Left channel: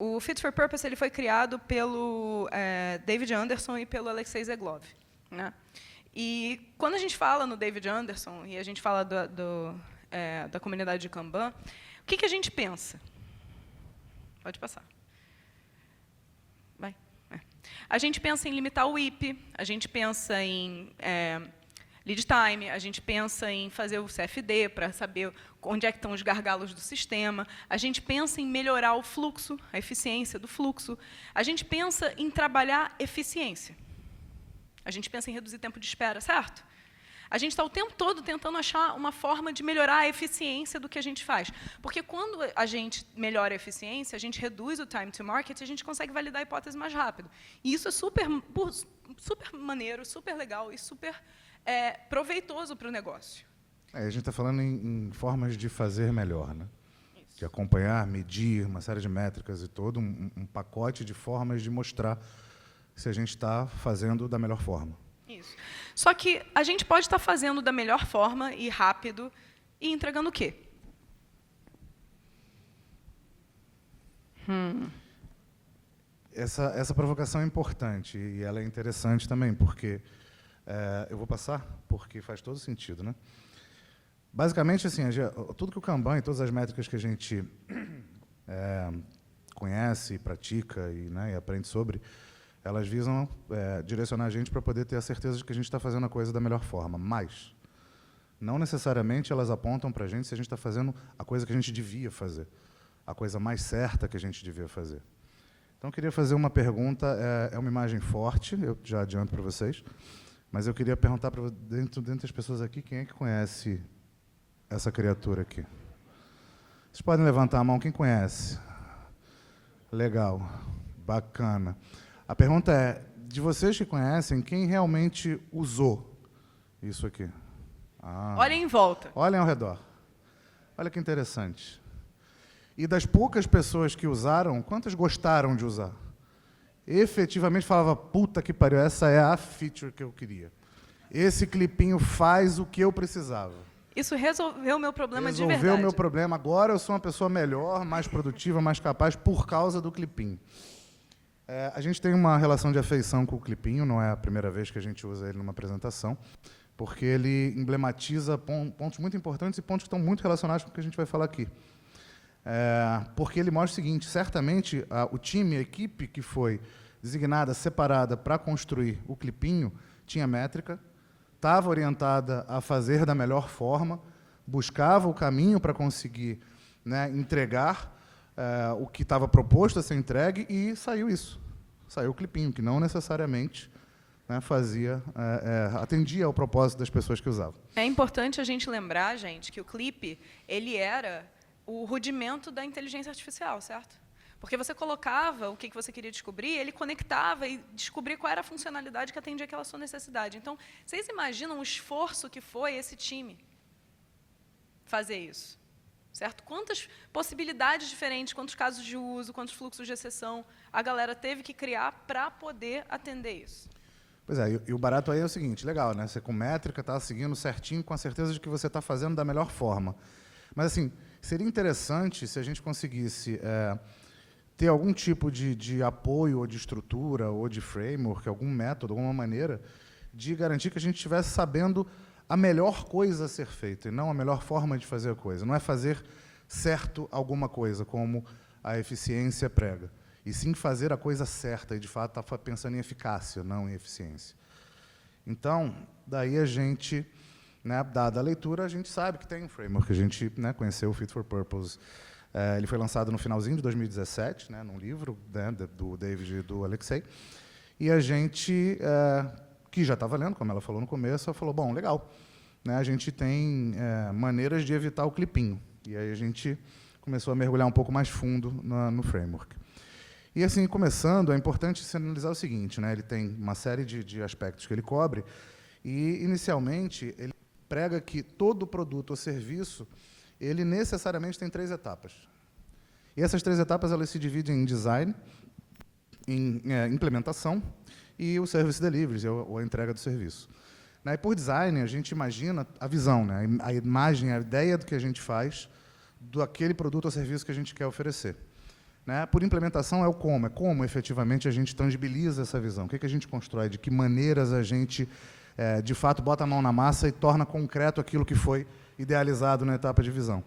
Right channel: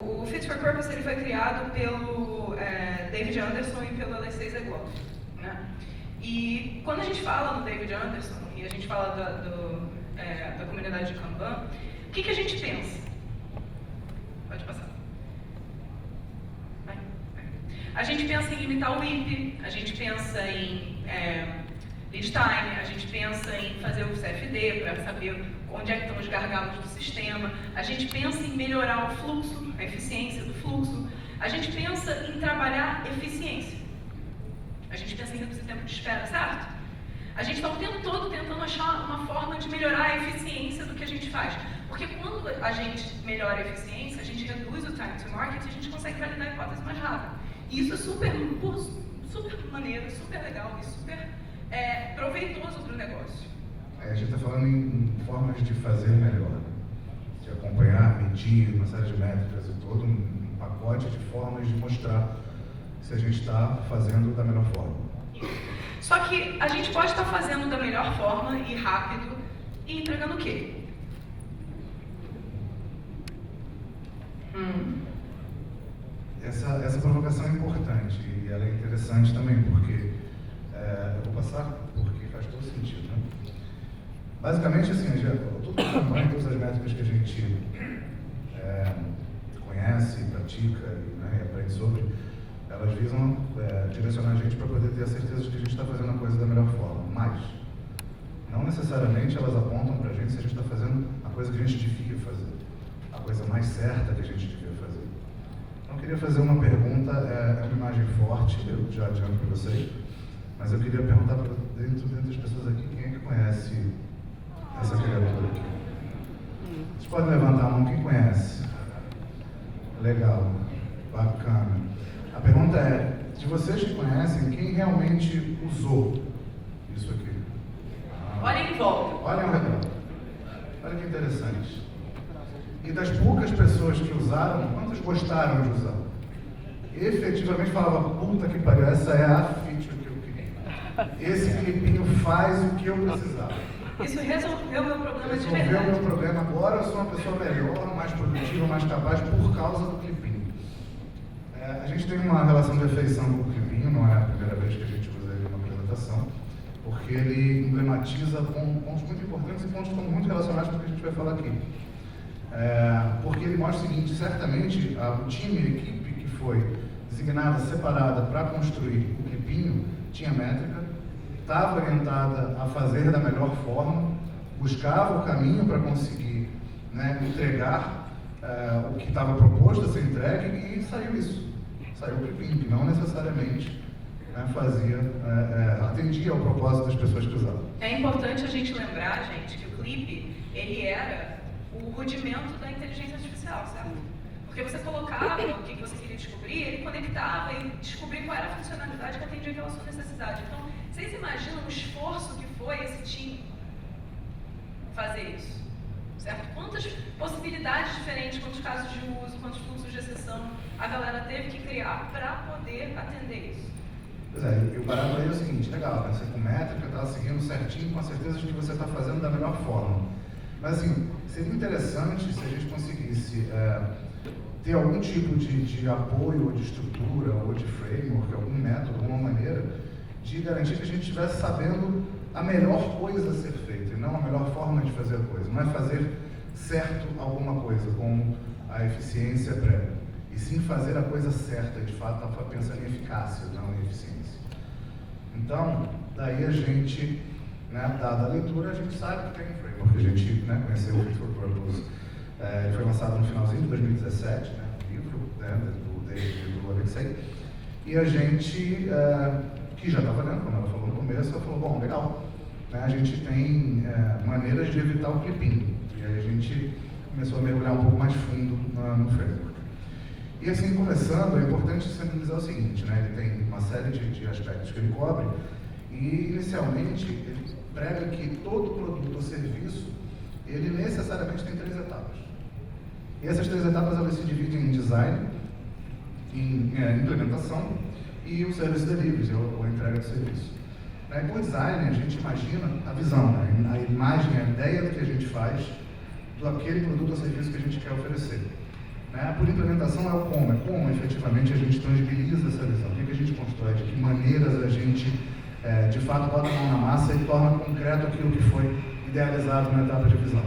O Fit for Purpose ele foi criado pelo David Anderson e pelo Alexei Zeglov, né? E quando a gente fala no David Anderson e a gente fala da comunidade de Kanban, o que a gente pensa? Pode passar. Vai. A gente pensa em limitar o WIP, a gente pensa em lead time, a gente pensa em fazer o CFD para saber onde é que estão os gargalos do sistema, a gente pensa em melhorar o fluxo, a eficiência do fluxo, a gente pensa em trabalhar eficiência, a gente pensa em reduzir tempo de espera, certo? A gente está o tempo todo tentando achar uma forma de melhorar a eficiência do que a gente faz, porque quando a gente melhora a eficiência, a gente reduz o time to market e a gente consegue validar a hipótese mais rápido. E isso é super maneiro, super legal e super proveitoso para o negócio. A gente está falando em formas de fazer melhor, de acompanhar, medir uma série de métricas e todo um pacote de formas de mostrar se a gente está fazendo da melhor forma. Só que a gente pode estar fazendo da melhor forma e rápido e entregando o quê? Essa provocação é importante e ela é interessante também, porque eu vou passar porque faz todo sentido, né? Basicamente, assim, tudo que o Kanban e todas as métricas que a gente conhece, pratica e aprende sobre, elas visam direcionar a gente para poder ter a certeza de que a gente está fazendo a coisa da melhor forma. Mas, não necessariamente elas apontam para a gente se a gente está fazendo a coisa que a gente devia fazer, a coisa mais certa que a gente devia fazer. Então, eu queria fazer uma pergunta, é uma imagem forte, eu já adianto para vocês, mas eu queria perguntar para dentro das pessoas aqui, quem é que conhece essa criatura aqui? Vocês podem levantar a mão, quem conhece? Legal, bacana. A pergunta é, de vocês que conhecem, quem realmente usou isso aqui? Olhem em volta. Olhem ao redor. Olha que interessante. E das poucas pessoas que usaram, quantas gostaram de usar? Efetivamente falava, puta que pariu, essa é a feature que eu queria. Esse clipinho faz o que eu precisava. Isso resolveu o meu problema de verdade. Resolveu o meu problema. Agora eu sou uma pessoa melhor, mais produtiva, mais capaz por causa do clipinho. A gente tem uma relação de afeição com o clipinho, não é a primeira vez que a gente usa ele numa apresentação, porque ele emblematiza pontos muito importantes e pontos que estão muito relacionados com o que a gente vai falar aqui. Porque ele mostra o seguinte, certamente o time, a equipe que foi designada, separada para construir o clipinho, tinha métrica, estava orientada a fazer da melhor forma, buscava o caminho para conseguir entregar o que estava proposto a ser entregue e saiu isso. Saiu o clipinho, que não necessariamente atendia ao propósito das pessoas que usavam. É importante a gente lembrar, gente, que o clipe, ele era o rudimento da inteligência artificial, certo? Porque você colocava o que você queria descobrir, ele conectava e descobria qual era a funcionalidade que atendia aquela sua necessidade. Então, vocês imaginam o esforço que foi esse time fazer isso, certo? Quantas possibilidades diferentes, quantos casos de uso, quantos fluxos de exceção a galera teve que criar para poder atender isso. Pois é, e o barato aí é o seguinte, legal, né? Você com métrica está seguindo certinho com a certeza de que você está fazendo da melhor forma. Mas assim, seria interessante se a gente conseguisse ter algum tipo de apoio, ou de estrutura, ou de framework, algum método, alguma maneira de garantir que a gente estivesse sabendo a melhor coisa a ser feita, e não a melhor forma de fazer a coisa. Não é fazer certo alguma coisa, como a eficiência prévia, e sim fazer a coisa certa, e de fato está pensando em eficácia, não em eficiência. Então, daí a gente, dada a leitura, a gente sabe que tem um framework, a gente conheceu o Fit for Purpose. Ele foi lançado no finalzinho de 2017, um livro do David e do Alexei, e a gente, que já estava lendo, como ela falou no começo, ela falou, bom, legal, a gente tem maneiras de evitar o clipinho, e aí a gente começou a mergulhar um pouco mais fundo no framework. E assim, começando, é importante sinalizar o seguinte, ele tem uma série de aspectos que ele cobre, e inicialmente ele prega que todo produto ou serviço, ele necessariamente tem 3 etapas. E essas 3 etapas, elas se dividem em design, em implementação e o service delivery, ou a entrega do serviço. E por design, a gente imagina a visão, a imagem, a ideia do que a gente faz, do aquele produto ou serviço que a gente quer oferecer. Né? Por implementação é o como, efetivamente a gente tangibiliza essa visão, o que a gente constrói, de que maneiras a gente, de fato, bota a mão na massa e torna concreto aquilo que foi idealizado na etapa de visão.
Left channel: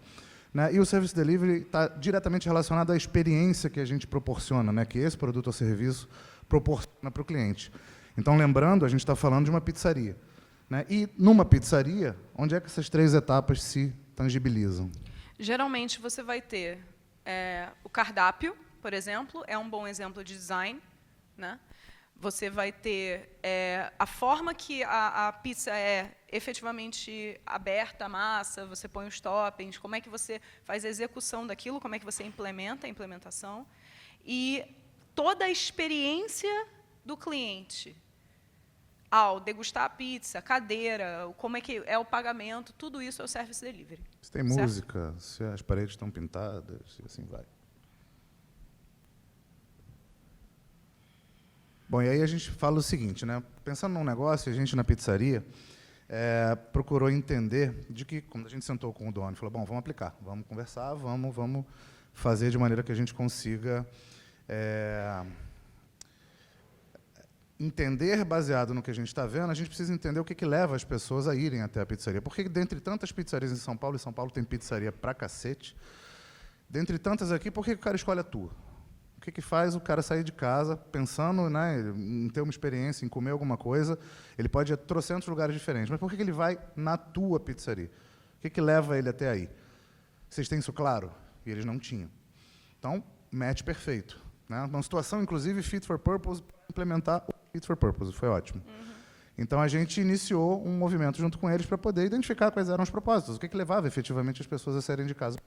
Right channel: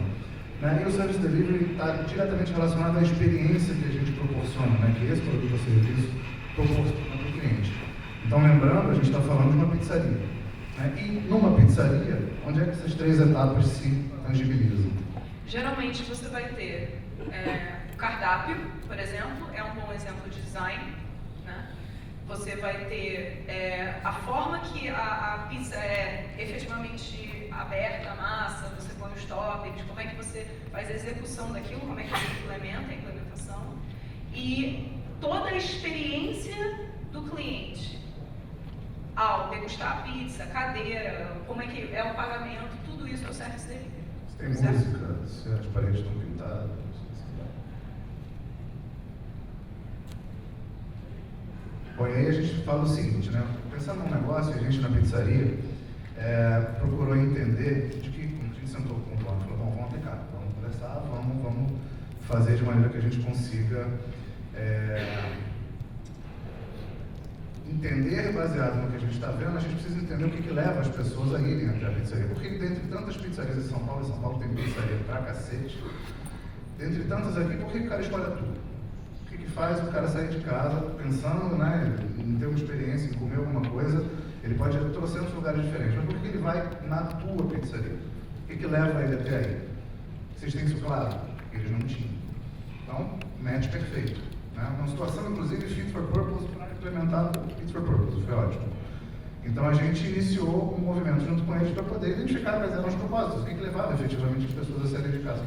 Né? E o Service Delivery está diretamente relacionado à experiência que a gente proporciona, né? Que esse produto ou serviço proporciona para o cliente. Então, lembrando, a gente está falando de uma pizzaria. Né? E numa pizzaria, onde é que essas 3 etapas se tangibilizam? Geralmente você vai ter o cardápio, por exemplo, é um bom exemplo de design. Né? Você vai ter a forma que a pizza é efetivamente aberta, a massa, você põe os toppings, como é que você faz a execução daquilo, como é que você implementa a implementação. E toda a experiência do cliente ao degustar a pizza, a cadeira, como é que é o pagamento, tudo isso é o service delivery. Se tem música, se as paredes estão pintadas, assim vai. Bom, e aí a gente fala o seguinte, né? Pensando num negócio, a gente na pizzaria procurou entender de que, quando a gente sentou com o dono, falou, bom, vamos aplicar, vamos conversar, vamos fazer de maneira que a gente consiga entender, baseado no que a gente está vendo, a gente precisa entender o que leva as pessoas a irem até a pizzaria. Porque dentre tantas pizzarias em São Paulo tem pizzaria pra cacete, dentre tantas aqui, por que o cara escolhe a tua? O que faz o cara sair de casa pensando, né, em ter uma experiência, em comer alguma coisa? Ele pode ir a trocentos lugares diferentes, mas por que ele vai na tua pizzaria? O que leva ele até aí? Vocês têm isso claro? E eles não tinham. Então, match perfeito. Né? Uma situação, inclusive, fit for purpose, implementar fit for purpose, foi ótimo. Então, a gente iniciou um movimento junto com eles para poder identificar quais eram os propósitos, o que levava efetivamente as pessoas a saírem de casa.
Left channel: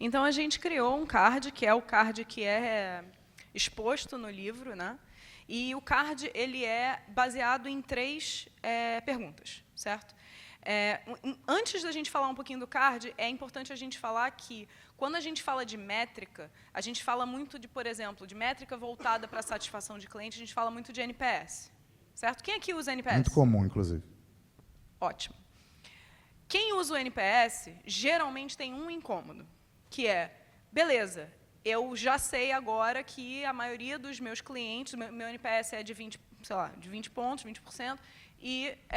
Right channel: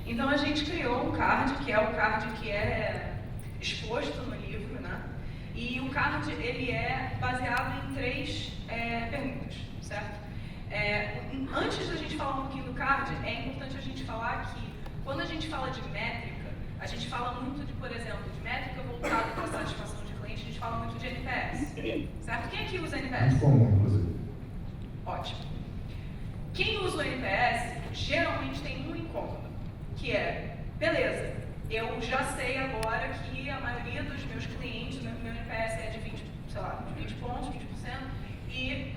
Então, a gente criou um card, que é o card que é exposto no livro, né? E o card, ele é baseado em 3 perguntas, certo? Antes da gente falar um pouquinho do card, é importante a gente falar que, quando a gente fala de métrica, a gente fala muito de, por exemplo, de métrica voltada para a satisfação de cliente, a gente fala muito de NPS, certo? Quem aqui usa NPS? Muito comum, inclusive. Ótimo. Quem usa o NPS, geralmente tem um em comum, que é, beleza, eu já sei agora que a maioria dos meus clientes, meu NPS é de 20, sei lá, de 20 pontos, 20%, e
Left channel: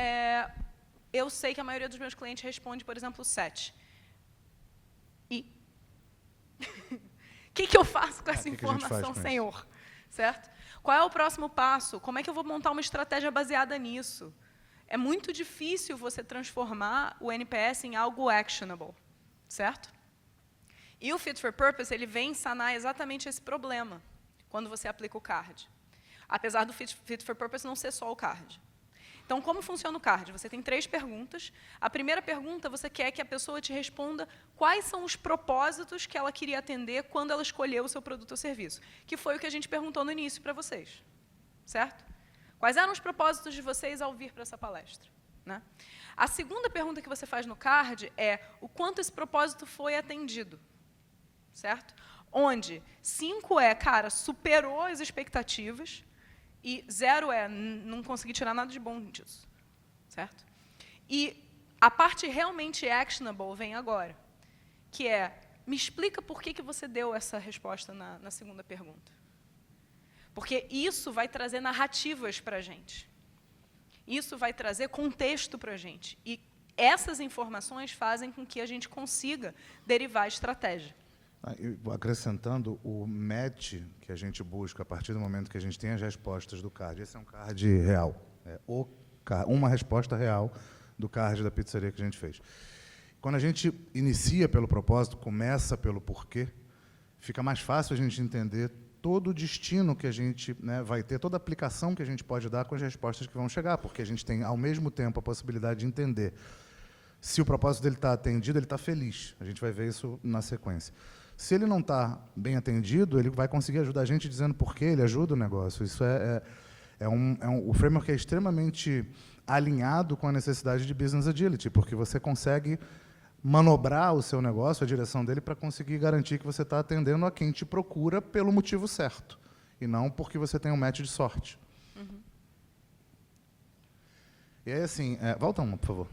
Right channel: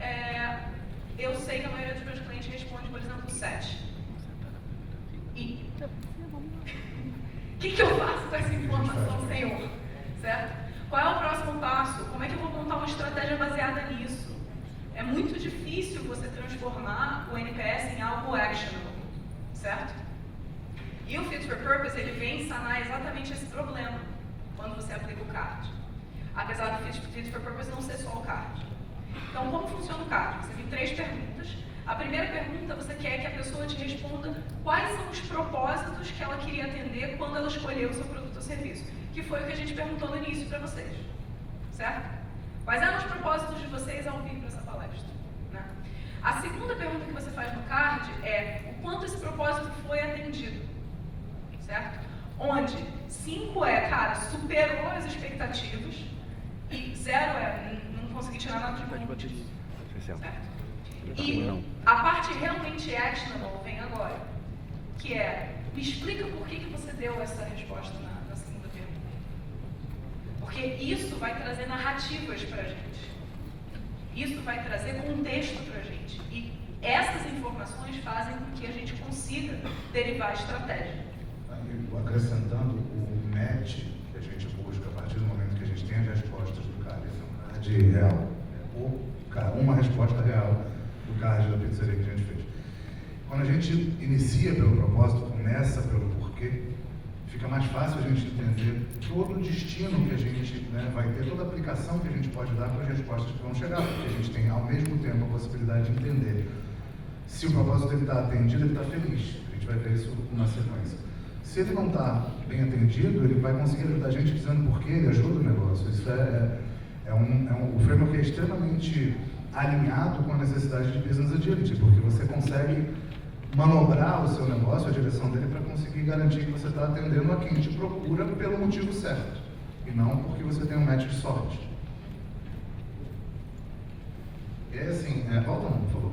eu sei que a maioria dos meus clientes responde, por exemplo, 7. E o que eu faço com essa informação, senhor? Certo? Qual é o próximo passo? Como é que eu vou montar uma estratégia baseada nisso? É muito difícil você transformar o NPS em algo actionable, certo? E o Fit for Purpose, ele vem sanar exatamente esse problema quando você aplica o card. Apesar do Fit for Purpose não ser só o card. Então, como funciona o card? Você tem 3 perguntas. A primeira pergunta, você quer que a pessoa te responda quais são os propósitos que ela queria atender quando ela escolheu o seu produto ou serviço, que foi o que a gente perguntou no início para vocês, certo? Quais eram os propósitos de vocês ao vir nessa palestra? Né? A segunda pergunta que você faz no card é o quanto esse propósito foi atendido, certo? Onde 5 cara, superou as expectativas, e 0 não consegui tirar nada de bom disso, certo? E a parte realmente actionable vem agora, que é, me explica por que você deu essa resposta na segunda pergunta. Porque isso vai trazer narrativas pra gente. Isso vai trazer contexto pra gente. E essas informações fazem com que a gente consiga derivar a estratégia. Acrescentando o match que a gente busca a partir do momento que a gente tem as respostas do card, esse é um card real, uma resposta real do card da pizzaria que a gente fez. Quando a gente inicia pelo propósito, começa pelo porquê, fica mais fácil a gente entender todo o destino que a gente vai ter, toda a aplicação que a gente pode dar com as respostas que vão chegar, porque a gente tem ao mesmo tempo a possibilidade de entender se o propósito dele está atendido, ele está feliz. A gente vai ver isso na sequência. Se ele não está bem atendido, ele vai conseguir ajudar a gente dizendo por que ele ajuda o negócio. Isso o framework é extremamente alinhado com a necessidade de business agility, porque você consegue manobrar o seu negócio, a direção dele, para conseguir garantir que você está atendendo a quem te procura pelo motivo certo, e não porque você tem um match de sorte. E aí, assim, volta não, por favor.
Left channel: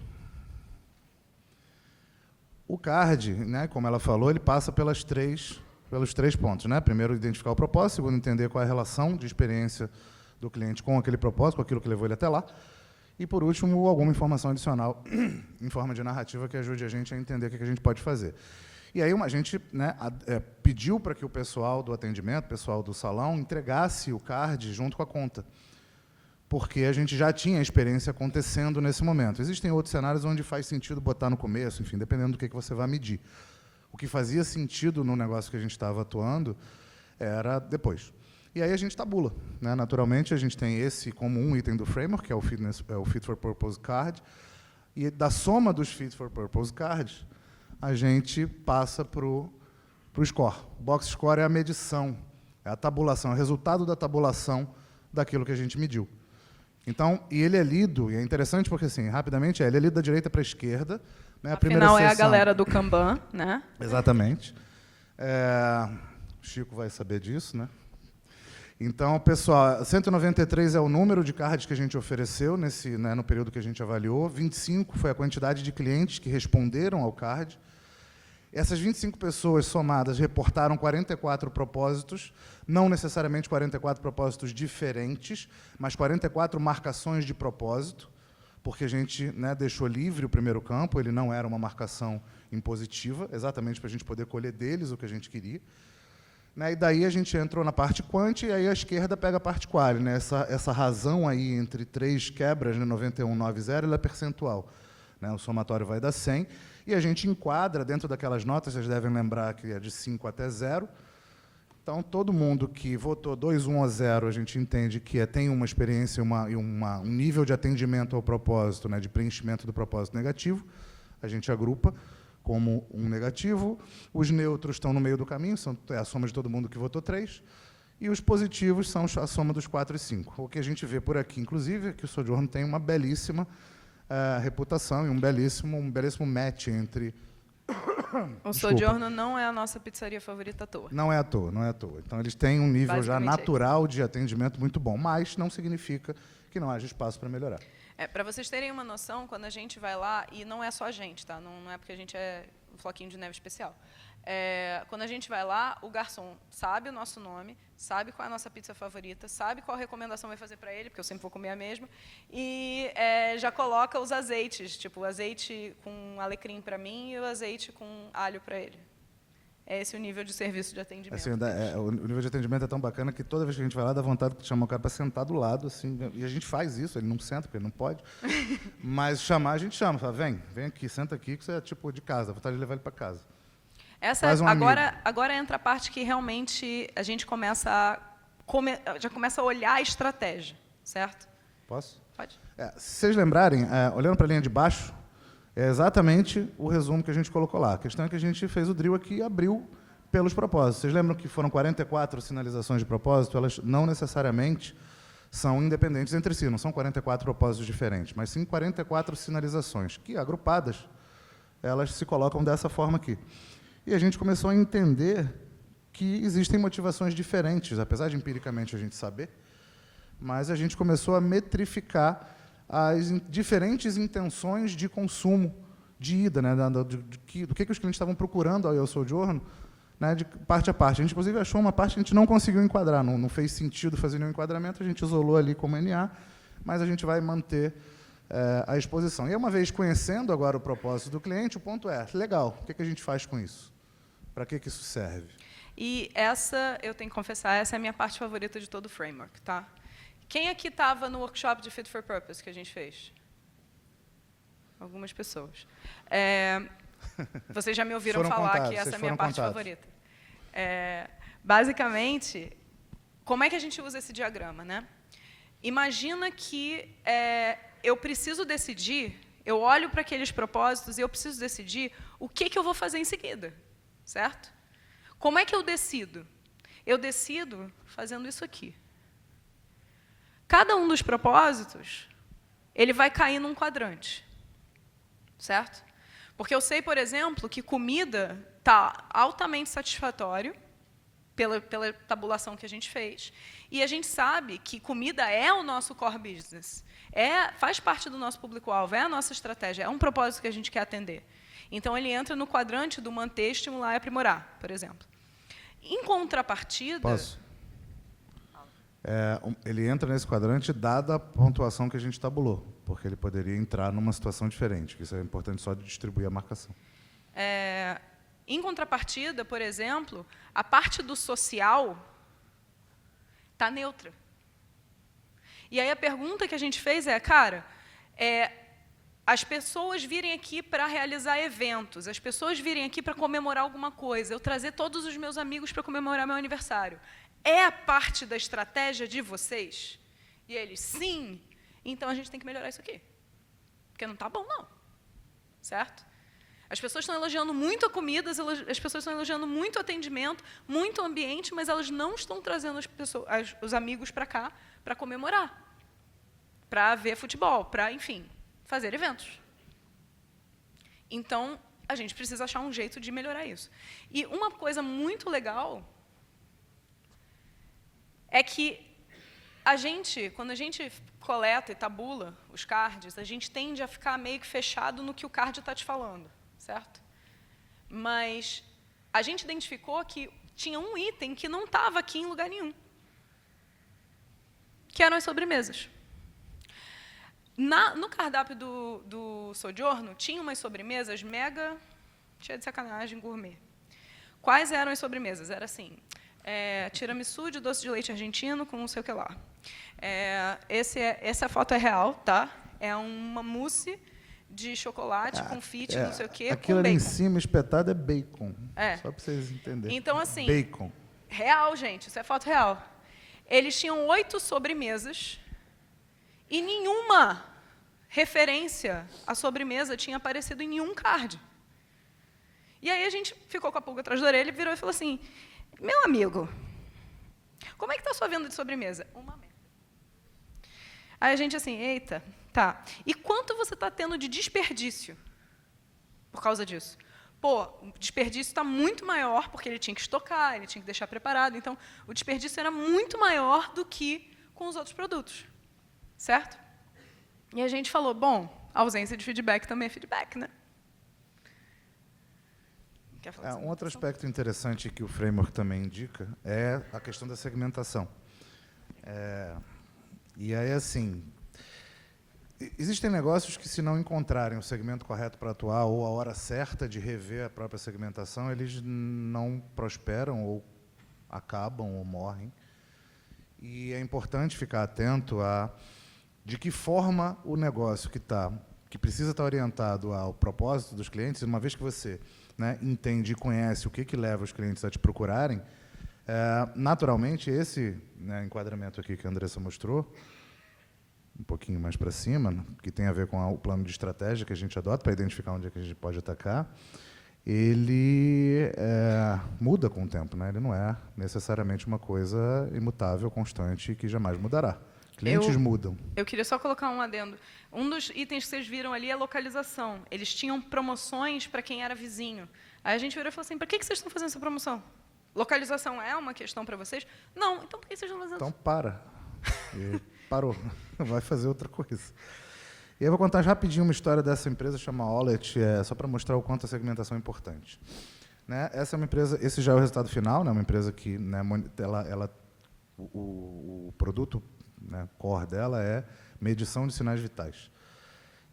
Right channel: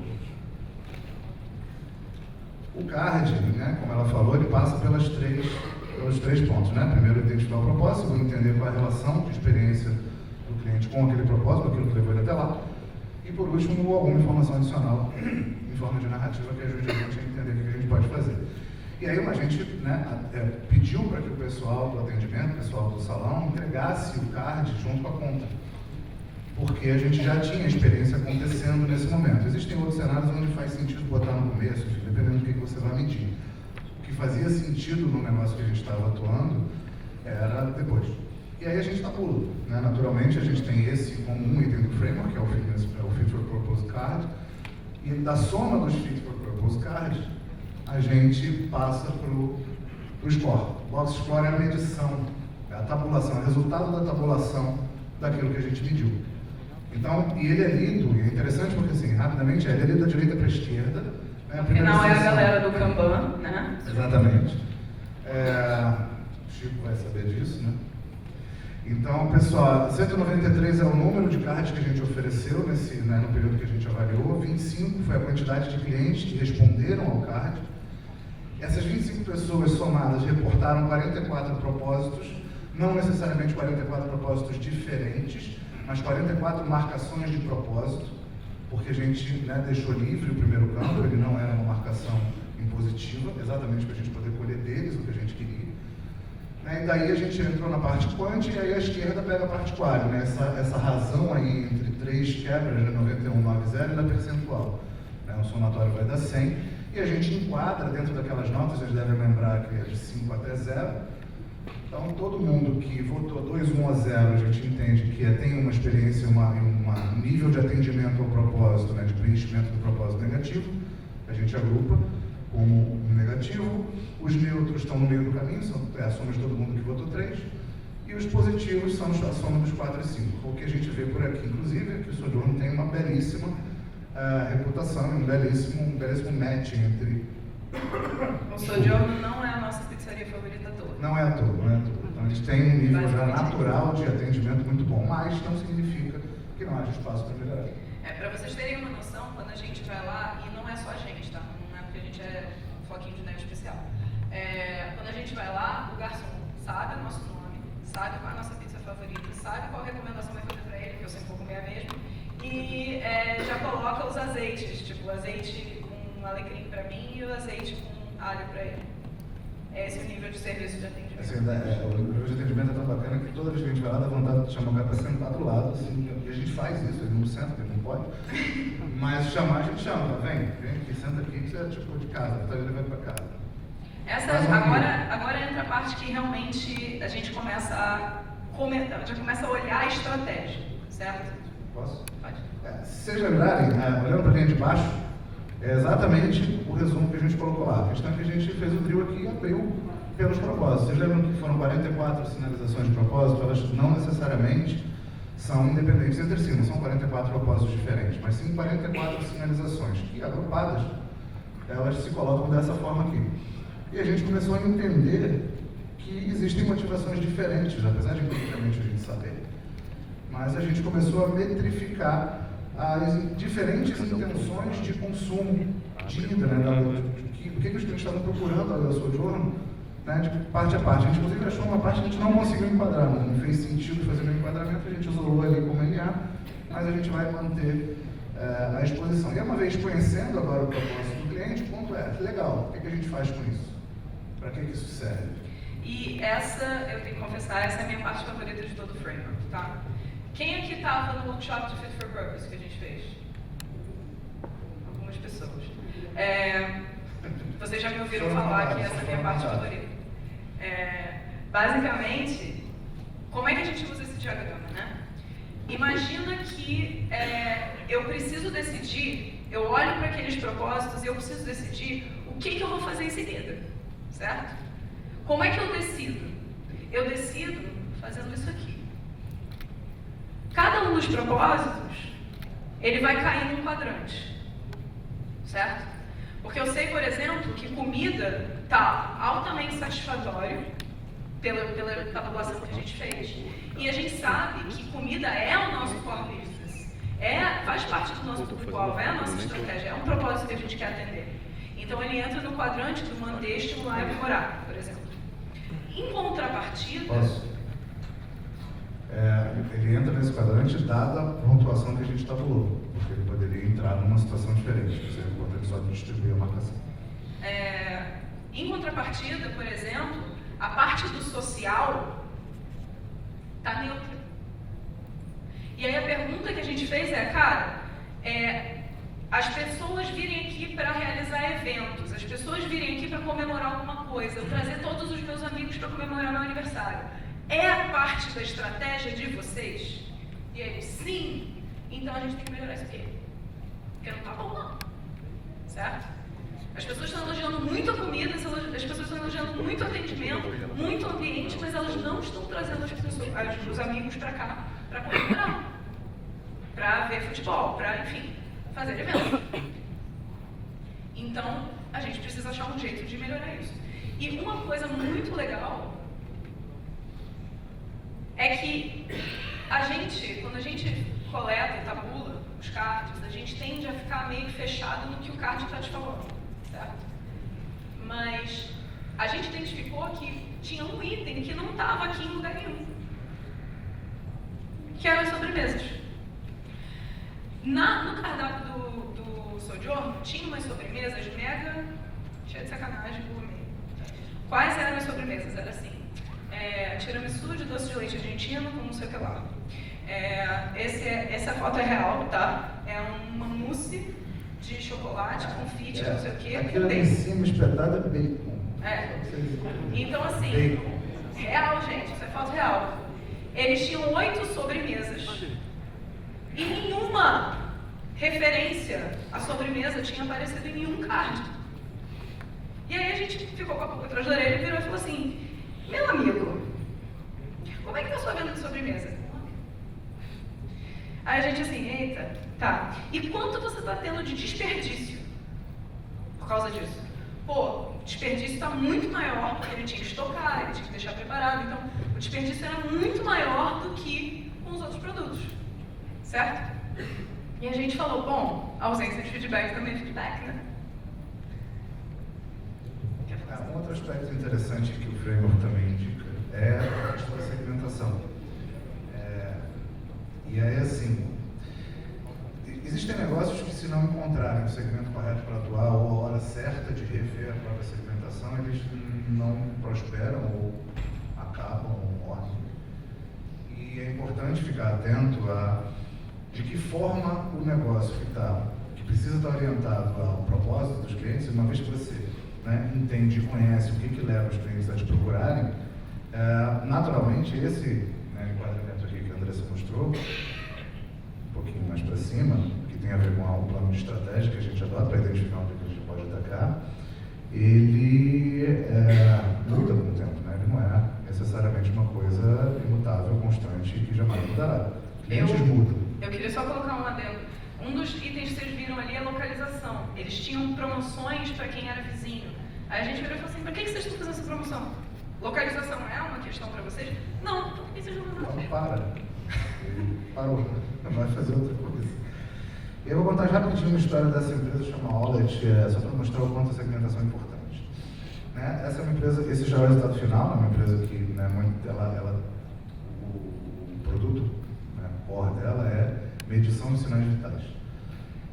O card, né, como ela falou, ele passa pelos três pontos, né? Primeiro, identificar o propósito, segundo, entender qual é a relação de experiência do cliente com aquele propósito, com aquilo que levou ele até lá, e por último, alguma informação adicional em forma de narrativa que ajude a gente a entender o que a gente pode fazer. E aí a gente, né, pediu para que o pessoal do atendimento, o pessoal do salão, entregasse o card junto com a conta, porque a gente já tinha experiência acontecendo nesse momento. Existem outros cenários onde faz sentido botar no começo, enfim, dependendo do que você vai medir. O que fazia sentido no negócio que a gente estava atuando era depois. E aí a gente tabula, né? Naturalmente, a gente tem esse como um item do framework, que é o Fit for Purpose Card, e da soma dos Fit for Purpose Cards, a gente passa para o score. Box score é a medição, é a tabulação, é o resultado da tabulação daquilo que a gente mediu. Então, e ele é lido, e é interessante porque, assim, rapidamente, ele é lido da direita para a esquerda. Né? Afinal, é a galera do Kanban, né? Exatamente. O Chico vai saber disso, né? Então, pessoal, 193 é o número de cards que a gente ofereceu no período que a gente avaliou. 25 foi a quantidade de clientes que responderam ao card. Essas 25 pessoas somadas reportaram 44 propósitos, não necessariamente 44 propósitos diferentes, mas 44 marcações de propósito, porque a gente, né, deixou livre o primeiro campo, ele não era uma marcação impositiva, exatamente para a gente poder colher deles o que a gente queria. Né, e daí a gente entrou na parte quant e aí a esquerda pega a parte qual, né? Essa razão aí entre três quebras, né, 91, 90, ela é percentual. Né? O somatório vai dar 100 e a gente enquadra dentro daquelas notas, vocês devem lembrar que é de 5 até 0. Então, todo mundo que votou 2, 1 ou 0, a gente entende que tem uma experiência, um nível de atendimento ao propósito, né, de preenchimento do propósito negativo, a gente agrupa como um negativo. Os neutros estão no meio do caminho, é a soma de todo mundo que votou 3, e os positivos são a soma dos 4 e 5. O que a gente vê por aqui, inclusive, é que o Sojourner tem uma belíssima reputação, um belíssimo match entre... O Sojourner não é a nossa pizzaria favorita à toa. Não é à toa. Então, eles têm um nível já natural de atendimento muito bom, mas não significa que não haja espaço para melhorar. Para vocês terem uma noção, quando a gente vai lá, e não é só a gente, tá? Não é porque a gente é um floquinho de neve especial. Quando a gente vai lá, o garçom sabe o nosso nome, sabe qual é a nossa pizza favorita, sabe qual recomendação vai fazer para ele, porque eu sempre vou comer a mesma, e já coloca os azeites, tipo o azeite com alecrim para mim e o azeite com alho para ele. É esse o nível de serviço de atendimento. Assim, o nível de atendimento é tão bacana que toda vez que a gente vai lá, dá vontade de chamar o cara para sentar do lado, assim, e a gente faz isso, ele não senta, porque ele não pode, mas chamar, a gente chama, fala, vem aqui, senta aqui, que você é tipo de casa, tá levando para casa. Agora entra a parte que realmente a gente já começa a olhar a estratégia, certo? Posso? Pode. Se vocês lembrarem, olhando para a linha de baixo, é exatamente o resumo que a gente colocou lá. A questão é que a gente fez o drill aqui e abriu pelos propósitos. Vocês lembram que foram 44 sinalizações de propósito? Elas não necessariamente são independentes entre si, não são 44 propósitos diferentes, mas sim 44 sinalizações, que agrupadas, elas se colocam dessa forma aqui. E a gente começou a entender que existem motivações diferentes, apesar de empiricamente a gente saber, mas a gente começou a metrificar as diferentes intenções de consumo, de ida, né, do que os clientes estavam procurando ao Sojourner, né, de parte a parte. A gente, inclusive, achou uma parte que a gente não conseguiu enquadrar, não fez sentido fazer um enquadramento, a gente isolou ali como NA, mas a gente vai manter a exposição. E uma vez conhecendo agora o propósito do cliente, o ponto é, legal, o que a gente faz com isso? Para que isso serve? E eu tenho que confessar, essa é a minha parte favorita de todo o framework, tá? Quem aqui estava no workshop de Fit for Purpose que a gente fez? Algumas pessoas. Vocês já me ouviram falar que essa é a minha parte favorita. Basicamente, como é que a gente usa esse diagrama, né? Imagina que eu preciso decidir, eu olho para aqueles propósitos e eu preciso decidir o que eu vou fazer em seguida, certo? Como é que eu decido? Eu decido fazendo isso aqui. Cada um dos propósitos, ele vai cair num quadrante, certo? Porque eu sei, por exemplo, que comida está altamente satisfatório pela tabulação que a gente fez, e a gente sabe que comida é o nosso core business, faz parte do nosso público-alvo, é a nossa estratégia, é um propósito que a gente quer atender. Então, ele entra no quadrante do manter, estimular e aprimorar, por exemplo. Em contrapartida... Posso? Ele entra nesse quadrante dada a pontuação que a gente tabulou, porque ele poderia entrar numa situação diferente. Isso é importante só distribuir a marcação. Em contrapartida, por exemplo, a parte do social está neutra. E aí a pergunta que a gente fez as pessoas virem aqui para realizar eventos, as pessoas virem aqui para comemorar alguma coisa, eu trazer todos os meus amigos para comemorar meu aniversário, é a parte da estratégia de vocês? E aí, sim, então a gente tem que melhorar isso aqui. Porque não tá bom, não. Certo? As pessoas estão elogiando muito a comida, as pessoas estão elogiando muito o atendimento, muito o ambiente, mas elas não estão trazendo os amigos para cá para comemorar, para ver futebol, para, enfim, fazer evento. Então, a gente precisa achar um jeito de melhorar isso. E uma coisa muito legal é que quando a gente coleta e tabula os cards, a gente tende a ficar meio fechado no que o card está te falando, certo? Mas a gente identificou que tinha um item que não estava aqui em lugar nenhum, que eram as sobremesas. No cardápio do Sojourn, tinha umas sobremesas mega cheia de sacanagem gourmet. Quais eram as sobremesas? Era assim, tiramisu de doce de leite argentino com não sei o que lá. Essa foto é real, tá? É uma mousse de chocolate, confite, não sei o que, aquilo ali em cima espetado é bacon. Então, assim, bacon. Real, gente, isso é foto real. Eles tinham 8 sobremesas e nenhuma referência à sobremesa tinha aparecido em nenhum card. E aí a gente ficou com a pulga atrás da orelha e virou e falou assim, meu amigo, como é que tá a sua venda de sobremesa? Aí a gente assim, eita, tá. E quanto você está tendo de desperdício por causa disso? Pô, o desperdício está muito maior, porque ele tinha que estocar, ele tinha que deixar preparado. Então, o desperdício era muito maior do que com os outros produtos. Certo? E a gente falou, bom, a ausência de feedback também é feedback, né? Um outro aspecto interessante que o framework também indica é a questão da segmentação. E aí, assim, existem negócios que, se não encontrarem o segmento correto para atuar ou a hora certa de rever a própria segmentação, eles não prosperam ou acabam ou morrem. E é importante ficar atento a de que forma o negócio que precisa estar orientado ao propósito dos clientes, uma vez que você entende e conhece o que leva os clientes a te procurarem, naturalmente esse enquadramento aqui que a Andressa mostrou, um pouquinho mais para cima, que tem a ver com o plano de estratégia que a gente adota para identificar onde a gente pode atacar, ele muda com o tempo, né? Ele não é necessariamente uma coisa imutável, constante e que jamais mudará. Clientes mudam. Eu queria só colocar um adendo. Um dos itens que vocês viram ali é a localização. Eles tinham promoções para quem era vizinho. Aí a gente virou e falou assim, para que vocês estão fazendo essa promoção? Localização é uma questão para vocês? Não, então por que vocês estão fazendo? Então para. Ele parou. Vai fazer outra coisa. E eu vou contar rapidinho uma história dessa empresa, chama Olet, só para mostrar o quanto a segmentação é importante. Essa é uma empresa, esse já é o resultado final, uma empresa que o produto, o core dela é medição de sinais vitais.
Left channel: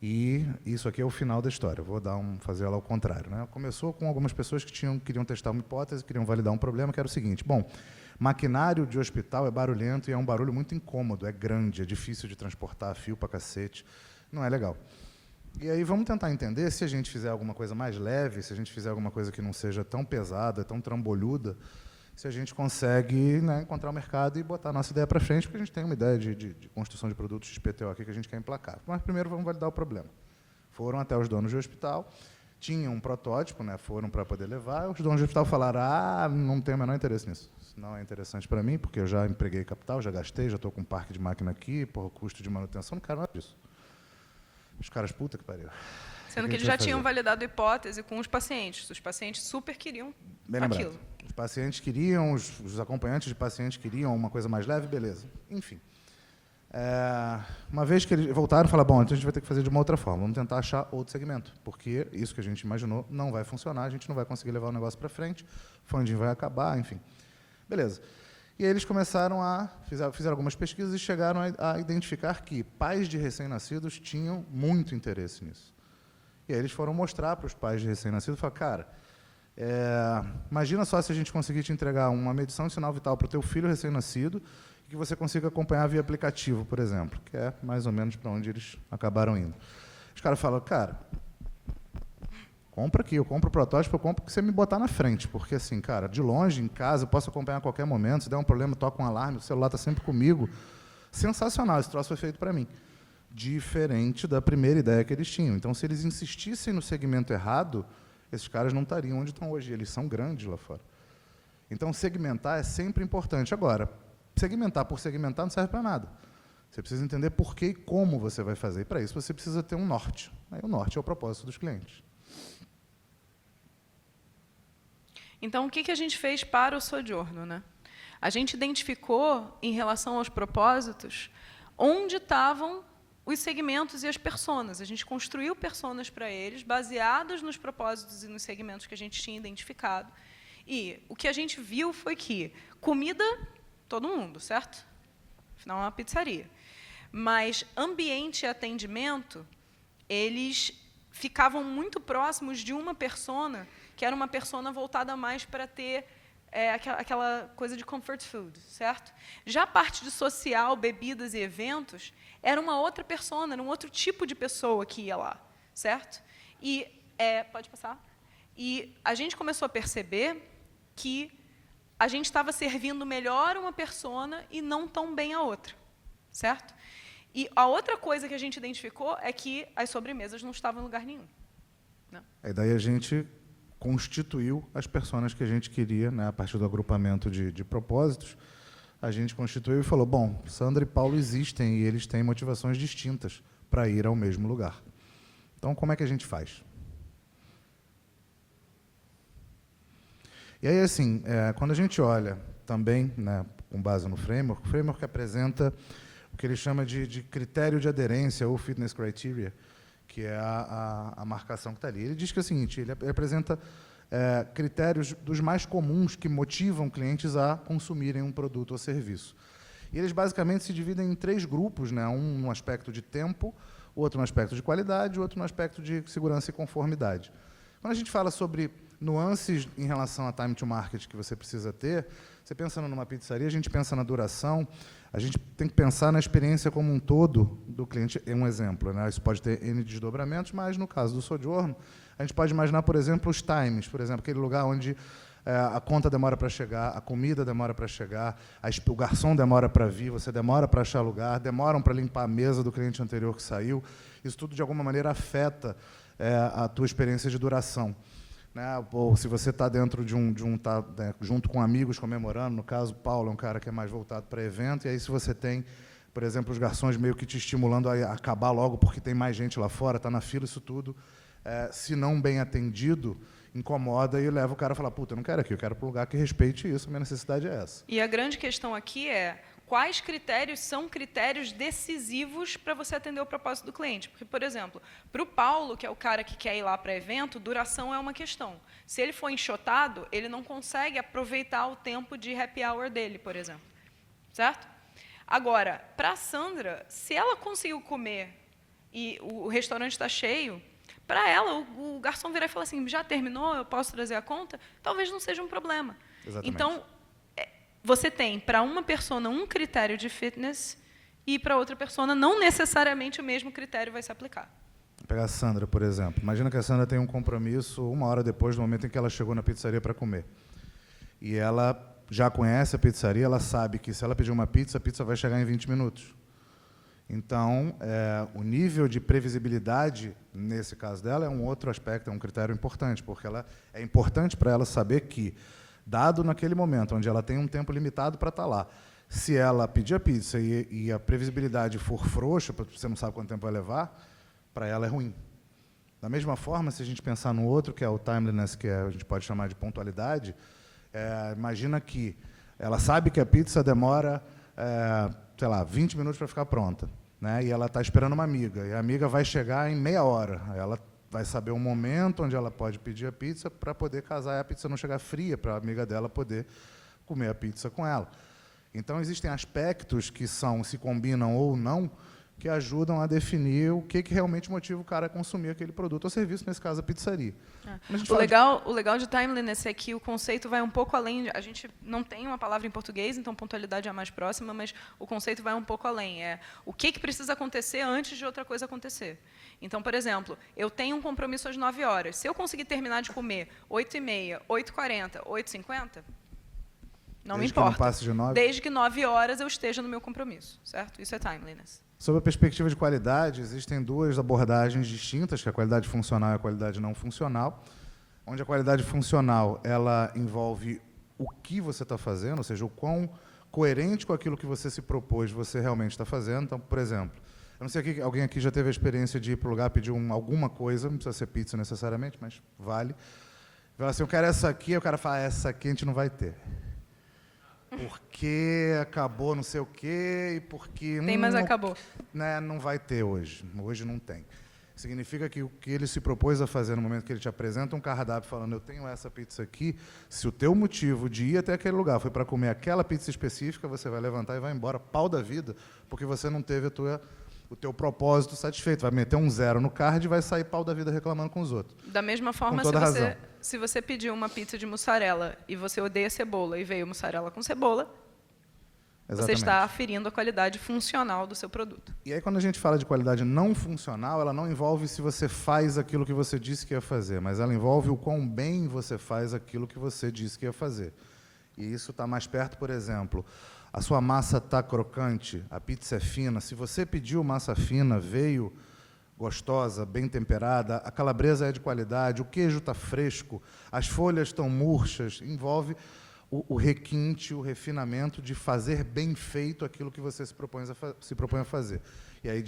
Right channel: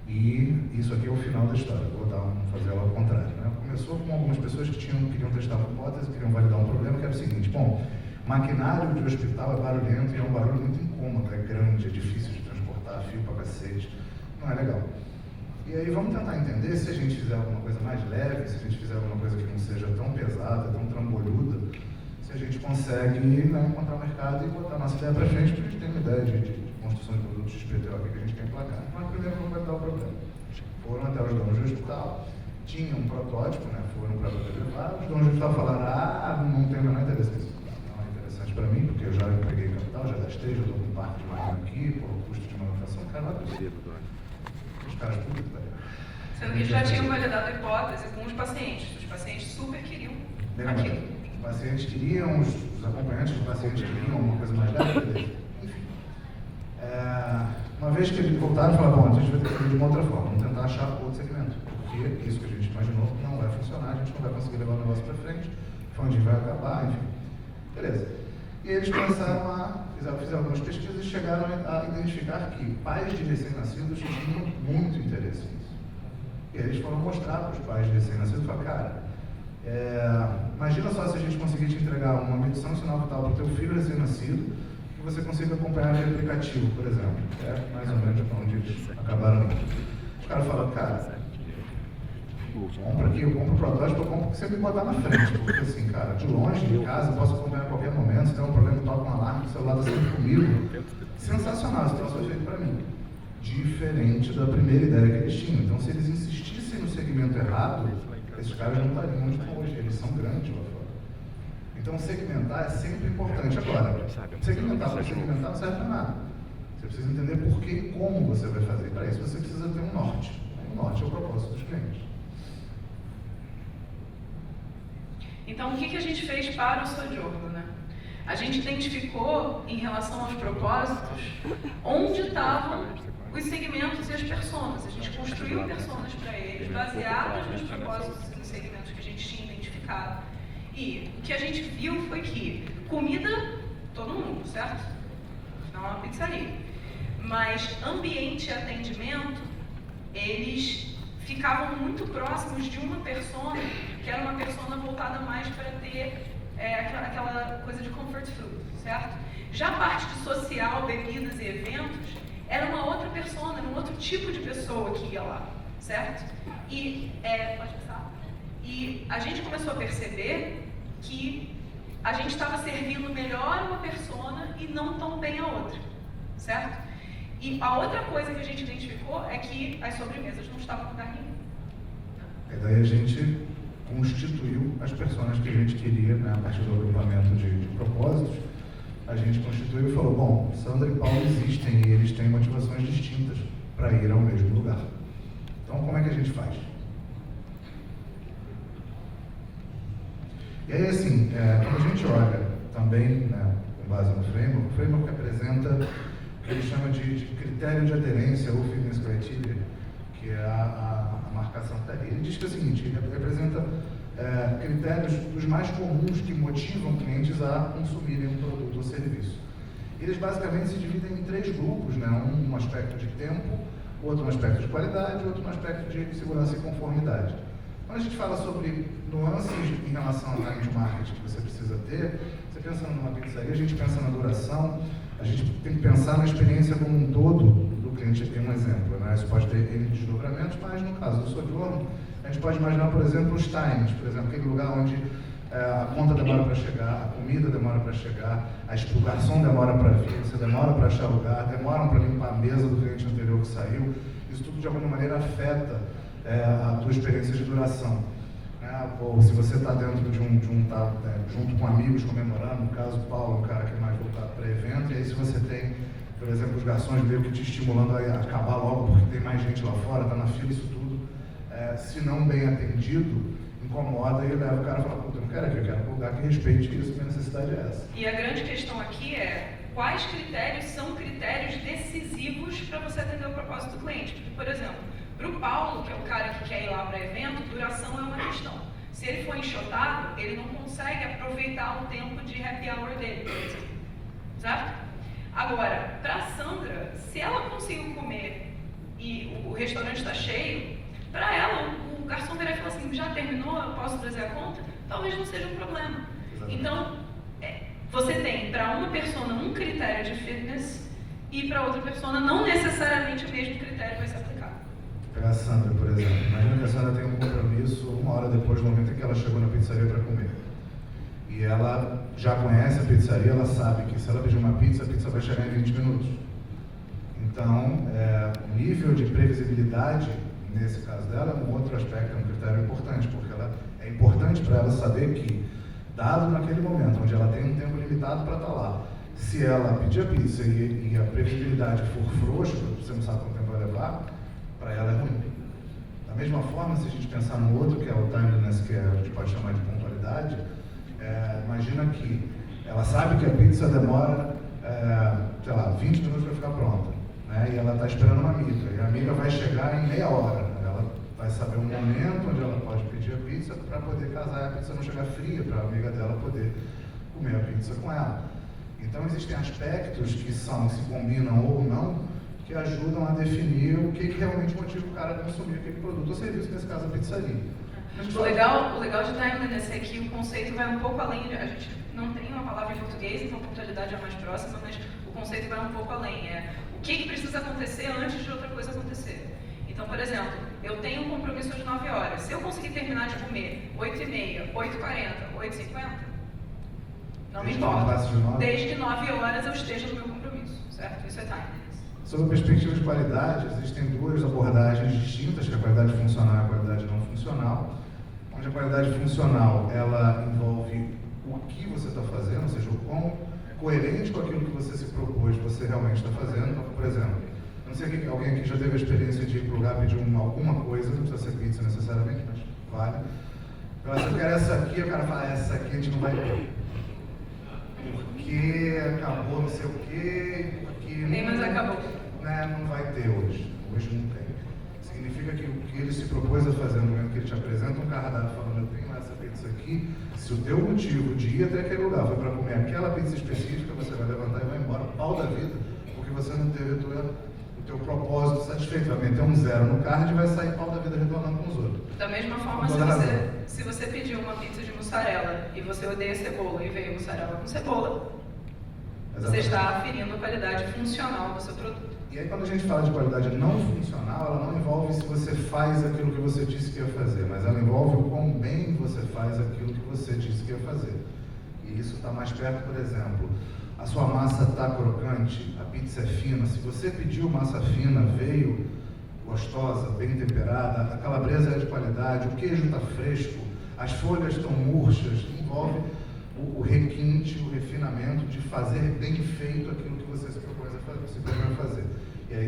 E isso aqui é o final da história, vou fazer ela ao contrário. Começou com algumas pessoas que queriam testar uma hipótese, queriam validar um problema, que era o seguinte, maquinário de hospital é barulhento e é um barulho muito incômodo, é grande, é difícil de transportar, fio pra cacete, não é legal. E aí vamos tentar entender se a gente fizer alguma coisa mais leve, se a gente fizer alguma coisa que não seja tão pesada, tão trambolhuda, se a gente consegue encontrar o mercado e botar a nossa ideia para frente, porque a gente tem uma ideia de construção de produtos de PTO que a gente quer emplacar. Mas primeiro vamos validar o problema. Foram até os donos do hospital, tinham um protótipo, foram para poder levar, os donos do hospital falaram, não tenho o menor interesse nisso. Não é interessante para mim, porque eu já empreguei capital, já gastei, já estou com um parque de máquina aqui, custo de manutenção, não quero nada disso. Os caras, puta que pariu. Sendo que eles já tinham validado a hipótese com os pacientes super queriam aquilo. Os pacientes queriam, os acompanhantes de pacientes queriam alguma coisa mais leve, beleza. Enfim. Uma vez que eles voltaram, falaram, bom, a gente vai ter que fazer de uma outra forma, vamos tentar achar outro segmento, porque isso que a gente imaginou não vai funcionar, a gente não vai conseguir levar o negócio para frente, o funding vai acabar, enfim. Beleza. E aí eles começaram fizeram algumas pesquisas e chegaram a identificar que pais de recém-nascidos tinham muito interesse nisso. E aí eles foram mostrar para os pais de recém-nascidos e falaram, cara, imagina só se a gente conseguir te entregar uma medição de sinal vital para o teu filho recém-nascido, que você consiga acompanhar via aplicativo, por exemplo, que é mais ou menos para onde eles acabaram indo. Os caras falaram, cara, compra aqui, eu compro o protótipo, eu compro o que você me botar na frente, porque assim, cara, de longe, em casa, eu posso acompanhar a qualquer momento, se der um problema, toca um alarme, o celular está sempre comigo. Sensacional, esse troço foi feito para mim. Diferente da primeira ideia que eles tinham. Então, se eles insistissem no segmento errado, esses caras não estariam onde estão hoje, eles são grandes lá fora. Então, segmentar é sempre importante. Agora, segmentar por segmentar não serve para nada. Você precisa entender por que e como você vai fazer. Para isso, você precisa ter um norte. Aí, o norte é o propósito dos clientes. Então, o que a gente fez para o Sojourner, né? A gente identificou, em relação aos propósitos, onde estavam os segmentos e as personas. A gente construiu personas para eles, baseados nos propósitos e nos segmentos que a gente tinha identificado. E o que a gente viu foi que comida, todo mundo, certo? Não é uma pizzaria. Mas ambiente e atendimento, eles ficavam muito próximos de uma persona, que era uma persona voltada mais para ter aquela coisa de comfort food, certo? Já a parte de social, bebidas e eventos, era uma outra persona, era um outro tipo de pessoa que ia lá, certo? E, pode passar? E a gente começou a perceber que a gente estava servindo melhor uma persona e não tão bem a outra, certo? E a outra coisa que a gente identificou é que as sobremesas não estavam em lugar nenhum. E daí a gente constituiu as personas que a gente queria, né, a partir do agrupamento de propósitos. A gente constituiu e falou, bom, Sandra e Paulo existem e eles têm motivações distintas para ir ao mesmo lugar. Então, como é que a gente faz? E aí, assim, quando a gente olha também, né, com base no framework, o framework apresenta o que ele chama de critério de aderência ou fitness criteria, que é a marcação que está ali. Ele diz que é o seguinte, ele apresenta critérios dos mais comuns que motivam clientes a consumirem um produto ou serviço. E eles basicamente se dividem em 3 grupos, né? Um aspecto de tempo, outro no aspecto de qualidade, outro no aspecto de segurança e conformidade. Quando a gente fala sobre nuances em relação a time to market que você precisa ter, você pensa numa pizzaria, a gente pensa na duração, a gente tem que pensar na experiência como um todo do cliente. Tem um exemplo, né? Isso pode ter N desdobramentos, mas no caso do Sojourner, a gente pode imaginar, por exemplo, os times, por exemplo, aquele lugar onde a conta demora para chegar, a comida demora para chegar, o garçom demora para vir, você demora para achar lugar, demoram para limpar a mesa do cliente anterior que saiu. Isso tudo, de alguma maneira, afeta a tua experiência de duração. Né? Ou se você está dentro junto com amigos comemorando, no caso o Paulo, um cara que é mais voltado para evento, e aí se você tem, por exemplo, os garçons meio que te estimulando a acabar logo porque tem mais gente lá fora, está na fila, isso tudo, se não bem atendido, incomoda e leva o cara a falar, puta, eu não quero aqui, eu quero um lugar que respeite isso, minha necessidade é essa. E a grande questão aqui é quais critérios são critérios decisivos para você atender o propósito do cliente. Porque, por exemplo, para o Paulo, que é o cara que quer ir lá para evento, duração é uma questão. Se ele for enxotado, ele não consegue aproveitar o tempo de happy hour dele, por exemplo. Certo? Agora, para a Sandra, se ela conseguiu comer e o restaurante está cheio, para ela, o garçom virar e falar assim, já terminou, eu posso trazer a conta? Talvez não seja um problema. Exatamente. Então, você tem para uma persona um critério de fitness e para outra persona não necessariamente o mesmo critério vai se aplicar. Pegar a Sandra, por exemplo. Imagina que a Sandra tem um compromisso 1 hora depois do momento em que ela chegou na pizzaria para comer. E ela já conhece a pizzaria, ela sabe que se ela pedir uma pizza, a pizza vai chegar em 20 minutos. Então, o nível de previsibilidade, nesse caso dela, é um outro aspecto, é um critério importante, porque é importante para ela saber que, dado naquele momento, onde ela tem um tempo limitado para estar lá, se ela pedir a pizza e a previsibilidade for frouxa, você não sabe quanto tempo vai levar, para ela é ruim. Da mesma forma, se a gente pensar no outro, que é o timeliness, que a gente pode chamar de pontualidade, imagina que ela sabe que a pizza demora sei lá, 20 minutos para ficar pronta, né? E ela está esperando uma amiga, e a amiga vai chegar em meia hora. Ela vai saber um momento onde ela pode pedir a pizza para poder casar e a pizza não chegar fria, para a amiga dela poder comer a pizza com ela. Então, existem aspectos que se combinam ou não, que ajudam a definir o que realmente motiva o cara a consumir aquele produto ou serviço, nesse caso a pizzaria. O legal de timeliness é que o conceito vai um pouco além, a gente não tem uma palavra em português, então pontualidade é a mais próxima, mas o conceito vai um pouco além. O que precisa acontecer antes de outra coisa acontecer. Então, por exemplo, eu tenho um compromisso às 9 horas. Se eu conseguir terminar de comer 8h30, 8h40, 8h50, não me importa. Desde que 9 horas eu esteja no meu compromisso, certo? Isso é timeliness. Sobre a perspectiva de qualidade, existem duas abordagens distintas, que é a qualidade funcional e a qualidade não funcional, onde a qualidade funcional, ela envolve o que você está fazendo, ou seja, o quão coerente com aquilo que você se propôs você realmente está fazendo. Então, por exemplo, eu não sei se alguém aqui já teve a experiência de ir para o lugar pedir alguma coisa, não precisa ser pizza necessariamente, mas vale. Fala assim, eu quero essa aqui, o cara fala, essa aqui a gente não vai ter. Porque acabou não sei o quê, porque... Tem, mas acabou. Né, não vai ter hoje. Hoje não tem. Significa que o que ele se propôs a fazer no momento que ele te apresenta um cardápio falando, eu tenho essa pizza aqui, se o teu motivo de ir até aquele lugar foi para comer aquela pizza específica, você vai levantar e vai embora, pau da vida, porque você não teve o teu propósito satisfeito. Vai meter um 0 no card e vai sair pau da vida reclamando com os outros. Da mesma forma, se você pediu uma pizza de mussarela e você odeia cebola e veio mussarela com cebola, você está aferindo a qualidade funcional do seu produto. E aí, quando a gente fala de qualidade não funcional, ela não envolve se você faz aquilo que você disse que ia fazer, mas ela envolve o quão bem você faz aquilo que você disse que ia fazer. E isso está mais perto, por exemplo, a sua massa está crocante, a pizza é fina. Se você pediu massa fina, veio gostosa, bem temperada, a calabresa é de qualidade, o queijo está fresco, as folhas estão murchas, envolve o requinte, o refinamento de fazer bem feito aquilo que você se propõe a fazer. E aí a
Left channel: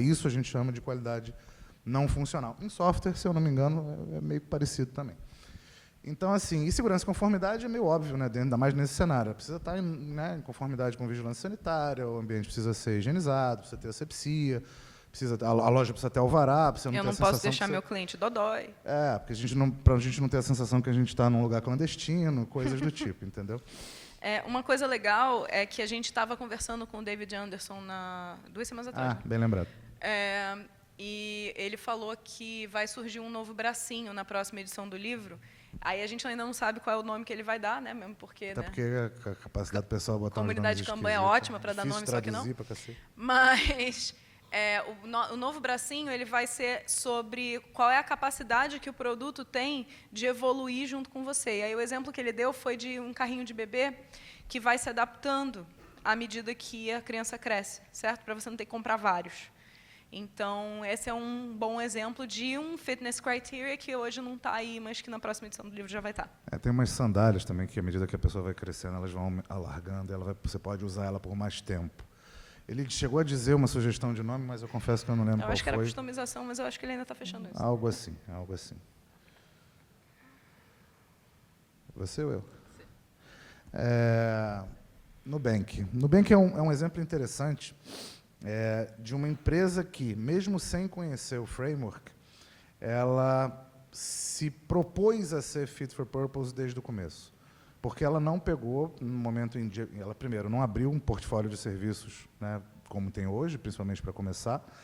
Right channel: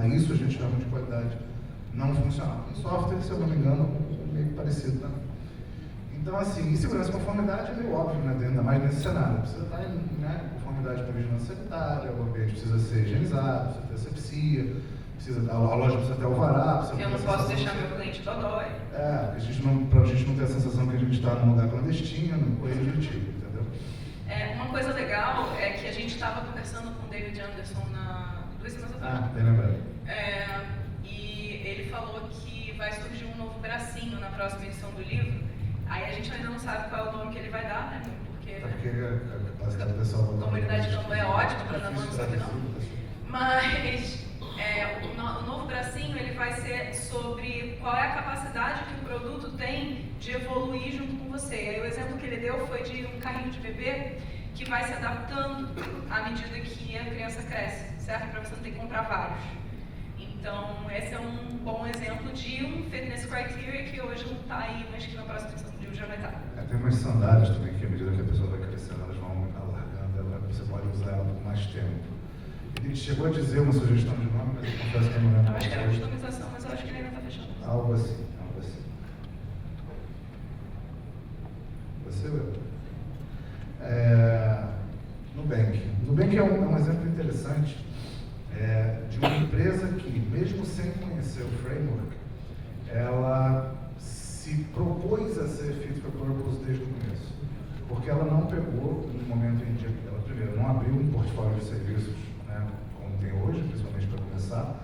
isso a gente chama de qualidade não funcional. Em software, se eu não me engano, é meio parecido também. Então, assim, e segurança e conformidade é meio óbvio, né? Ainda mais nesse cenário. Precisa estar em conformidade com vigilância sanitária, o ambiente precisa ser higienizado, precisa ter asepsia, a loja precisa ter alvará. Eu não posso deixar meu cliente dodói. Para a gente não ter a sensação que a gente está num lugar clandestino, coisas do tipo, entendeu? Uma coisa legal é que a gente estava conversando com o David Anderson 2 semanas atrás. Bem lembrado. E ele falou que vai surgir um novo bracinho na próxima edição do livro. Aí a gente ainda não sabe qual é o nome que ele vai dar, né? Porque a capacidade pessoal... A comunidade de campanha é ótima para dar nome, só que não. Mas... o novo bracinho ele vai ser sobre qual é a capacidade que o produto tem de evoluir junto com você. E aí o exemplo que ele deu foi de um carrinho de bebê que vai se adaptando à medida que a criança cresce, certo? Para você não ter que comprar vários. Então, esse é um bom exemplo de um fitness criteria que hoje não está aí, mas que na próxima edição do livro já vai estar. Tem umas sandálias também que, à medida que a pessoa vai crescendo, elas vão alargando, você pode usar ela por mais tempo. Ele chegou a dizer uma sugestão de nome, mas eu confesso que eu não lembro. Eu acho que era customização, mas eu acho que ele ainda está fechando. Algo assim. Você? Nubank. Nubank é um exemplo interessante de uma empresa que, mesmo sem conhecer o framework, ela se propôs a ser fit for purpose desde o começo. Porque ela não pegou no momento em que ela, primeiro, não abriu um portfólio de serviços, né, como tem hoje, principalmente para começar.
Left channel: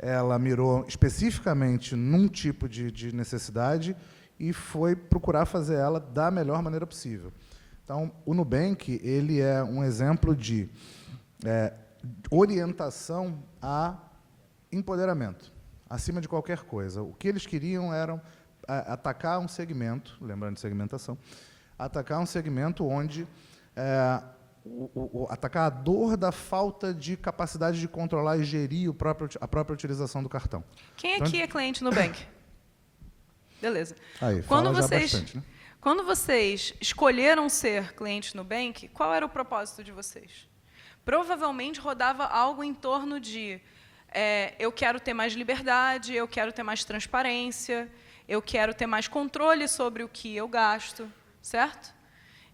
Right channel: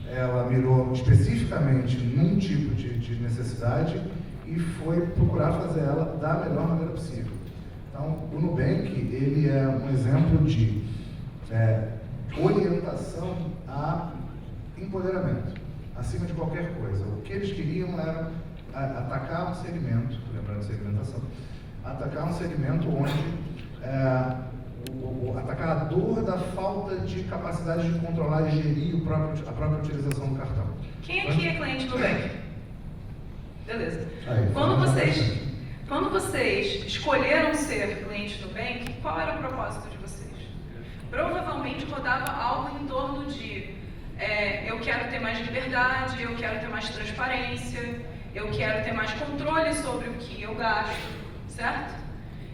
Ela mirou especificamente num tipo de necessidade e foi procurar fazer ela da melhor maneira possível. Então, o Nubank, ele é um exemplo de orientação a empoderamento, acima de qualquer coisa. O que eles queriam era atacar um segmento, lembrando de segmentação, atacar um segmento onde atacar a dor da falta de capacidade de controlar e gerir a própria utilização do cartão. Quem aqui é cliente no Nubank? Beleza. Aí, quando vocês escolheram ser cliente no Nubank, qual era o propósito de vocês? Provavelmente rodava algo em torno de eu quero ter mais liberdade, eu quero ter mais transparência, eu quero ter mais controle sobre o que eu gasto, certo?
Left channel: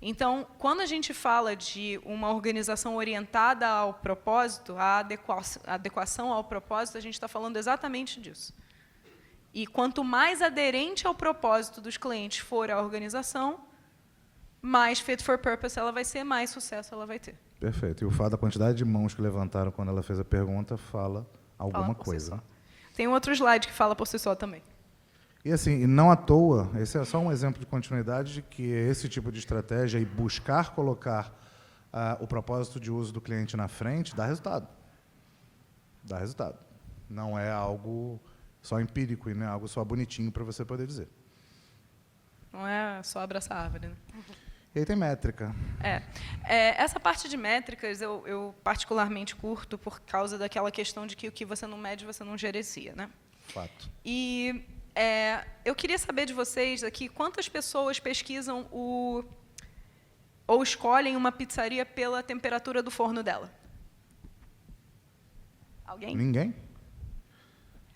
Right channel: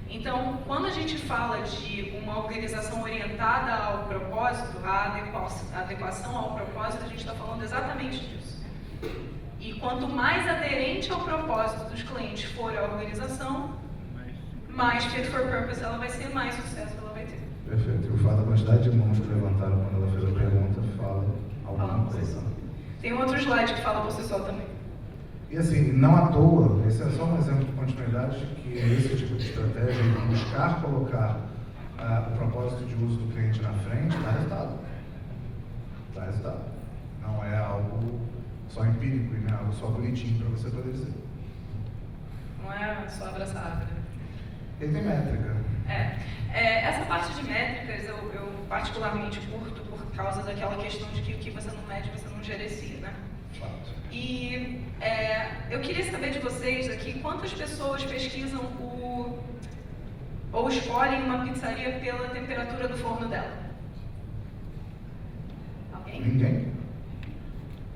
Então, quando a gente fala de uma organização orientada ao propósito, a adequação ao propósito, a gente está falando exatamente disso. E quanto mais aderente ao propósito dos clientes for a organização, mais fit for purpose ela vai ser, mais sucesso ela vai ter. Perfeito. E o fato da quantidade de mãos que levantaram quando ela fez a pergunta fala alguma coisa. Tem um outro slide que fala por si só também. E assim, não à toa, esse é só um exemplo de continuidade de que esse tipo de estratégia, buscar colocar o propósito de uso do cliente na frente, dá resultado. Dá resultado. Não é algo só empírico e não é algo só bonitinho para você poder dizer. Não é só abraçar a árvore. E aí tem métrica. Essa parte de métricas eu particularmente curto por causa daquela questão de que o que você não mede, você não gerencia, né? Fato. E eu queria saber de vocês aqui, quantas pessoas pesquisam ou escolhem uma pizzaria pela temperatura do forno dela? Alguém? Ninguém?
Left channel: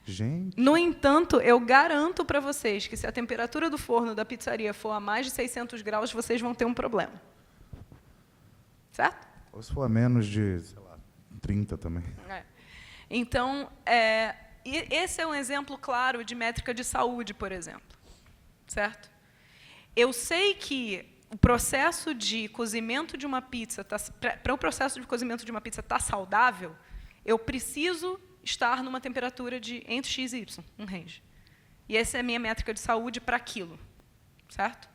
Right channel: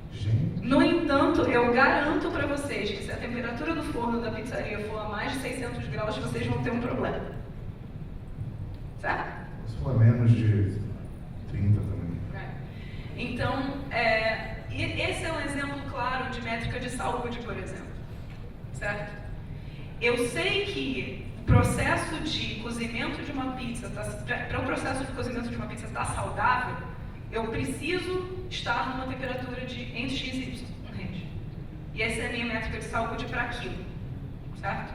Gente. No entanto, eu garanto para vocês que se a temperatura do forno da pizzaria for a mais de 600 graus, vocês vão ter um problema. Certo? Ou se for a menos de 30 também. Então, esse é um exemplo claro de métrica de saúde, por exemplo. Certo? Eu sei que o processo de cozimento de uma pizza, para o processo de cozimento de uma pizza estar saudável, eu preciso estar numa temperatura de entre X e Y, um range. E essa é a minha métrica de saúde para aquilo. Certo?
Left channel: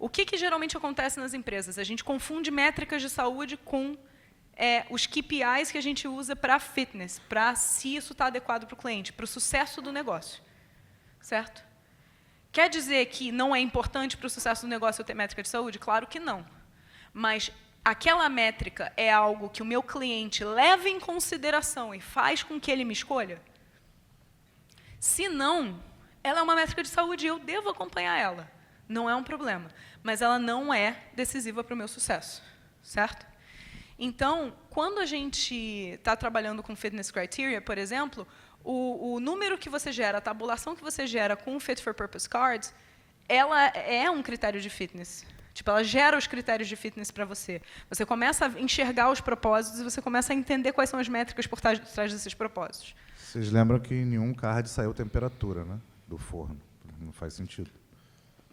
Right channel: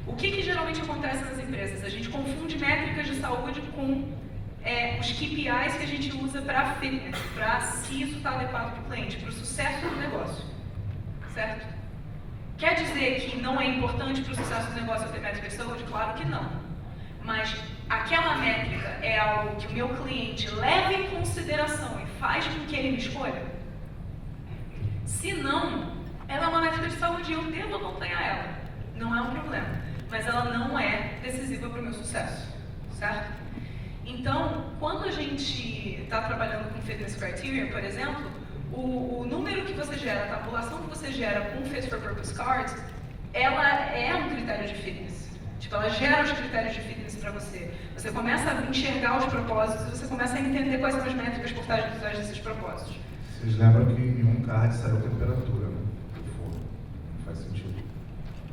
O que geralmente acontece nas empresas? A gente confunde métricas de saúde com os KPIs que a gente usa para fitness, para se isso está adequado para o cliente, para o sucesso do negócio. Certo? Quer dizer que não é importante para o sucesso do negócio eu ter métrica de saúde? Claro que não. Mas aquela métrica é algo que o meu cliente leva em consideração e faz com que ele me escolha? Se não, ela é uma métrica de saúde e eu devo acompanhar ela. Não é um problema. Mas ela não é decisiva para o meu sucesso. Certo? Então, quando a gente está trabalhando com Fitness Criteria, por exemplo, o número que você gera, a tabulação que você gera com o Fit for Purpose Cards, ela é um critério de fitness. Tipo, ela gera os critérios de fitness para você. Você começa a enxergar os propósitos e você começa a entender quais são as métricas por trás desses propósitos. Vocês lembram que em um card saiu temperatura do forno. Não faz sentido.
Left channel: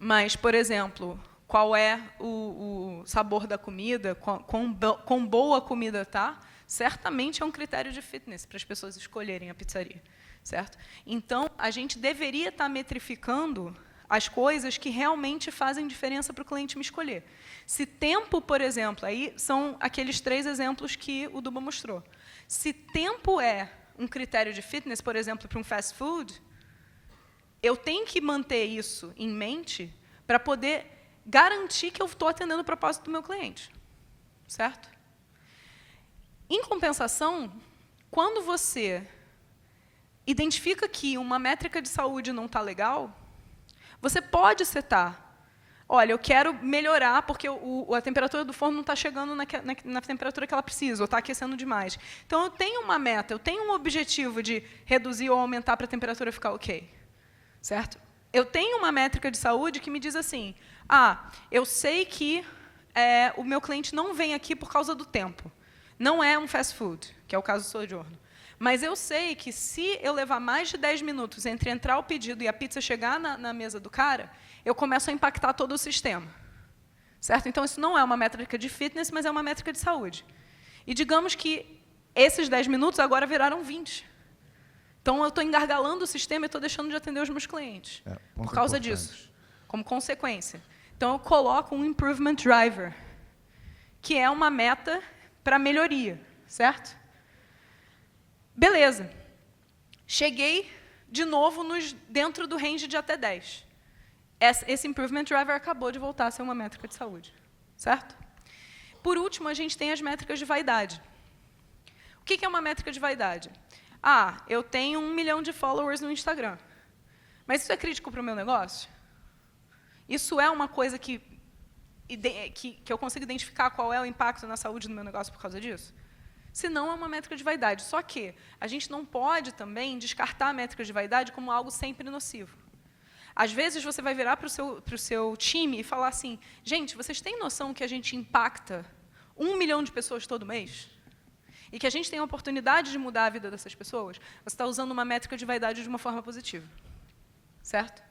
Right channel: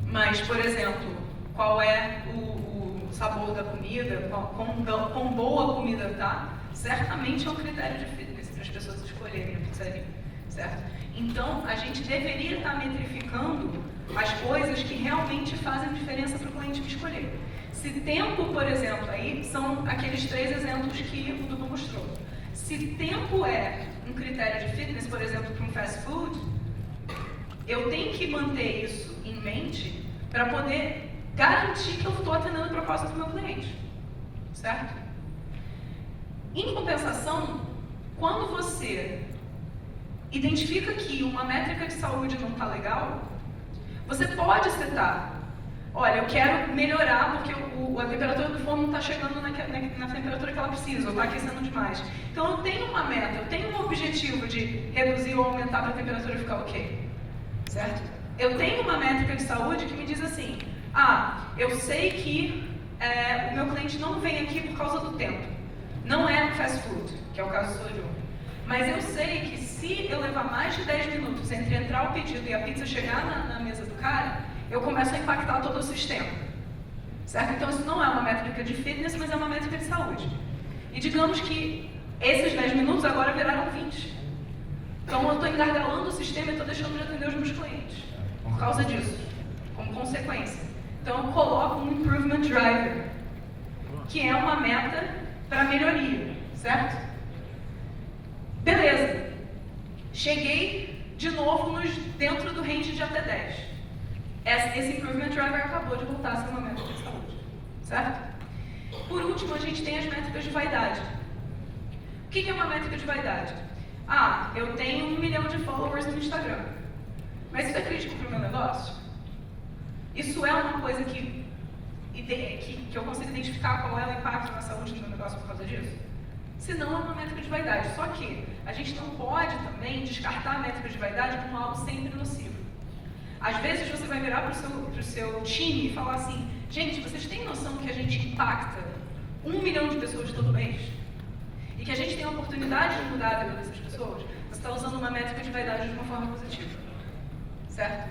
Mas, por exemplo, qual é o sabor da comida, quão boa a comida tá, certamente é um critério de fitness para as pessoas escolherem a pizzaria, certo? Então, a gente deveria estar metrificando as coisas que realmente fazem diferença para o cliente me escolher. Se tempo, por exemplo, aí são aqueles 3 exemplos que o Duba mostrou. Se tempo é um critério de fitness, por exemplo, para um fast food, eu tenho que manter isso em mente para poder garantir que eu estou atendendo o propósito do meu cliente, certo? Em compensação, quando você identifica que uma métrica de saúde não está legal, você pode setar, olha, eu quero melhorar porque a temperatura do forno não está chegando na temperatura que ela precisa, ou está aquecendo demais. Então eu tenho uma meta, eu tenho um objetivo de reduzir ou aumentar para a temperatura ficar ok, certo? Eu tenho uma métrica de saúde que me diz assim, eu sei que o meu cliente não vem aqui por causa do tempo. Não é um fast food, que é o caso do Soju. Mas eu sei que se eu levar mais de 10 minutos entre entrar o pedido e a pizza chegar na mesa do cara, eu começo a impactar todo o sistema. Certo? Então isso não é uma métrica de fitness, mas é uma métrica de saúde. E digamos que esses 10 minutos agora viraram 20. Então eu estou engargalando o sistema e estou deixando de atender os meus clientes. Por causa disso, como consequência. Então eu coloco um Improvement Driver, que é uma meta para melhoria, certo? Beleza. Cheguei de novo dentro do range de até 10. Esse Improvement Driver acabou de voltar a ser uma métrica de saúde, certo? Por último, a gente tem as métricas de vaidade. O que é uma métrica de vaidade? Eu tenho 1 milhão de followers no Instagram. Mas isso é crítico para o meu negócio? Isso é uma coisa que eu consigo identificar qual é o impacto na saúde do meu negócio por causa disso? Se não, é uma métrica de vaidade. Só que a gente não pode também descartar a métrica de vaidade como algo sempre nocivo. Às vezes você vai virar para o seu time e falar assim, gente, vocês têm noção que a gente impacta 1 milhão de pessoas todo mês? E que a gente tem a oportunidade de mudar a vida dessas pessoas? Você está usando uma métrica de vaidade de uma forma positiva, certo?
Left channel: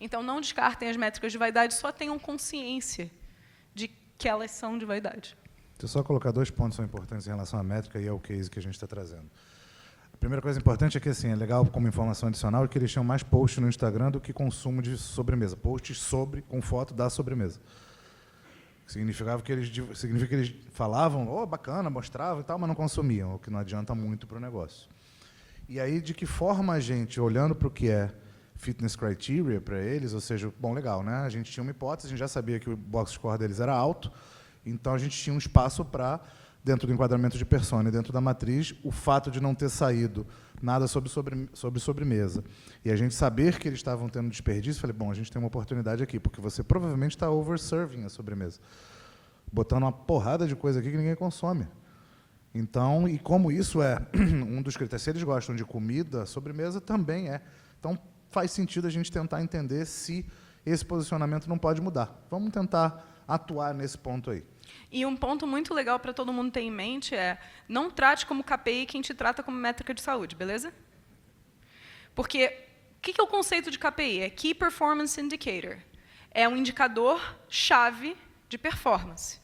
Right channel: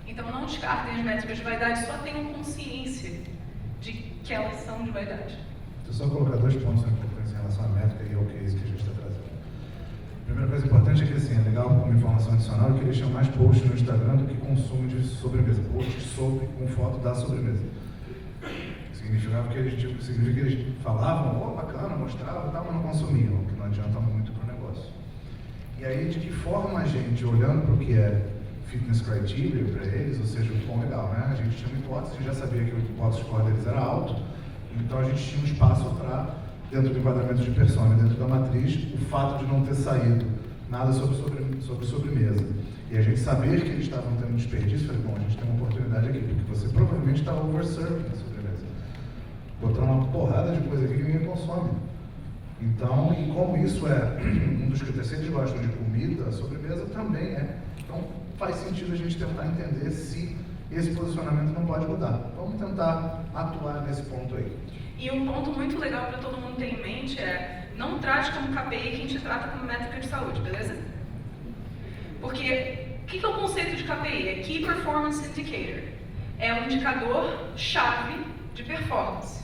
Então não descartem as métricas de vaidade, só tenham consciência de que elas são de vaidade. Deixa eu só colocar 2 pontos importantes em relação à métrica e ao case que a gente está trazendo. A primeira coisa importante é que, assim, é legal como informação adicional que eles tinham mais posts no Instagram do que consumo de sobremesa. Posts sobre, com foto da sobremesa. Significava que eles falavam, bacana, mostravam, tal, mas não consumiam, o que não adianta muito para o negócio. E aí, de que forma a gente, olhando para o que é fitness criteria para eles, ou seja, bom, legal, né? A gente tinha uma hipótese, a gente já sabia que o box score deles era alto, então a gente tinha um espaço para, dentro do enquadramento de persona, dentro da matriz, o fato de não ter saído nada sobre sobremesa. E a gente saber que eles estavam tendo desperdício, falei, bom, a gente tem uma oportunidade aqui, porque você provavelmente está overserving na sobremesa, botando uma porrada de coisa aqui que ninguém consome. Então, e como isso é um dos critérios, se eles gostam de comida, a sobremesa também é. Então, faz sentido a gente tentar entender se esse posicionamento não pode mudar. Vamos tentar atuar nesse ponto aí. E um ponto muito legal para todo mundo ter em mente é, não trate como KPI quem te trata como métrica de saúde, beleza? Porque, o que é o conceito de KPI? É Key Performance Indicator. É um indicador-chave de performance.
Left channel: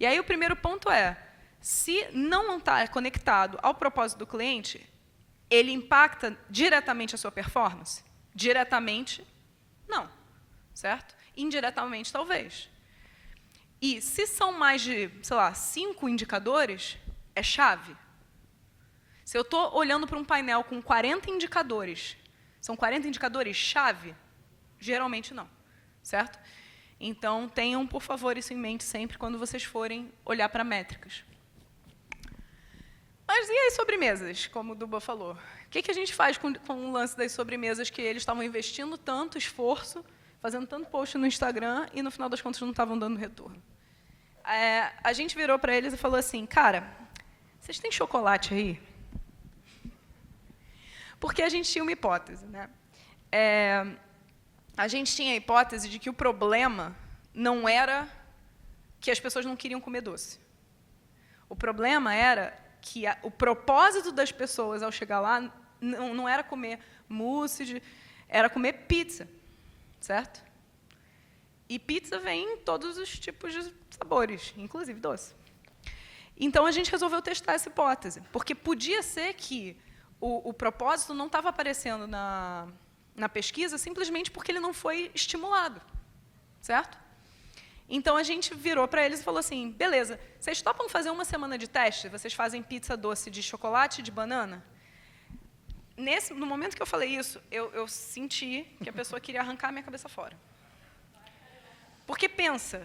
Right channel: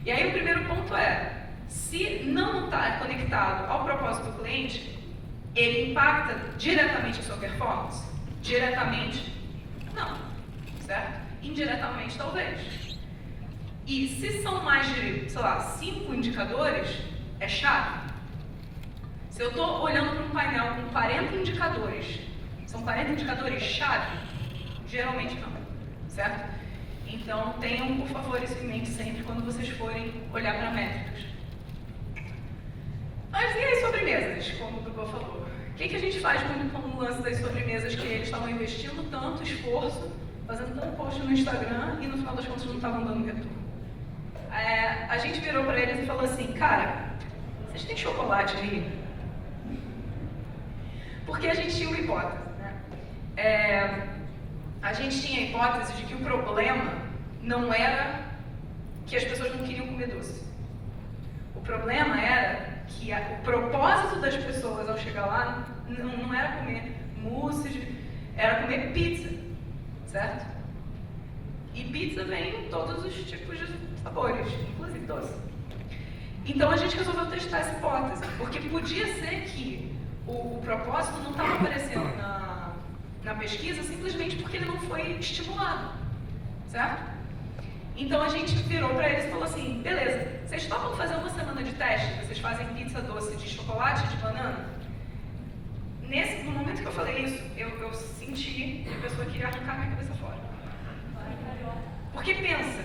E aí o primeiro ponto é, se não está conectado ao propósito do cliente, ele impacta diretamente a sua performance? Diretamente, não. Certo? Indiretamente, talvez. E se são mais de, 5 indicadores, é chave. Se eu estou olhando para um painel com 40 indicadores, são 40 indicadores chave? Geralmente não. Certo? Então, tenham, por favor, isso em mente sempre quando vocês forem olhar para métricas. Mas e as sobremesas, como o Duba falou? O que a gente faz com o lance das sobremesas que eles estavam investindo tanto esforço, fazendo tanto post no Instagram e no final das contas não estavam dando retorno? A gente virou para eles e falou assim, cara, vocês têm chocolate aí? Porque a gente tinha uma hipótese, né? A gente tinha a hipótese de que o problema não era que as pessoas não queriam comer doce. O problema era que o propósito das pessoas ao chegar lá não era comer mousse, era comer pizza, certo? E pizza vem em todos os tipos de sabores, inclusive doce. Então a gente resolveu testar essa hipótese, porque podia ser que o propósito não estava aparecendo na pesquisa simplesmente porque ele não foi estimulado, certo? Então a gente virou para eles e falou assim, beleza, vocês topam fazer uma semana de teste? Vocês fazem pizza doce de chocolate e de banana? No momento que eu falei isso, eu senti que a pessoa queria arrancar minha cabeça fora. Porque pensa,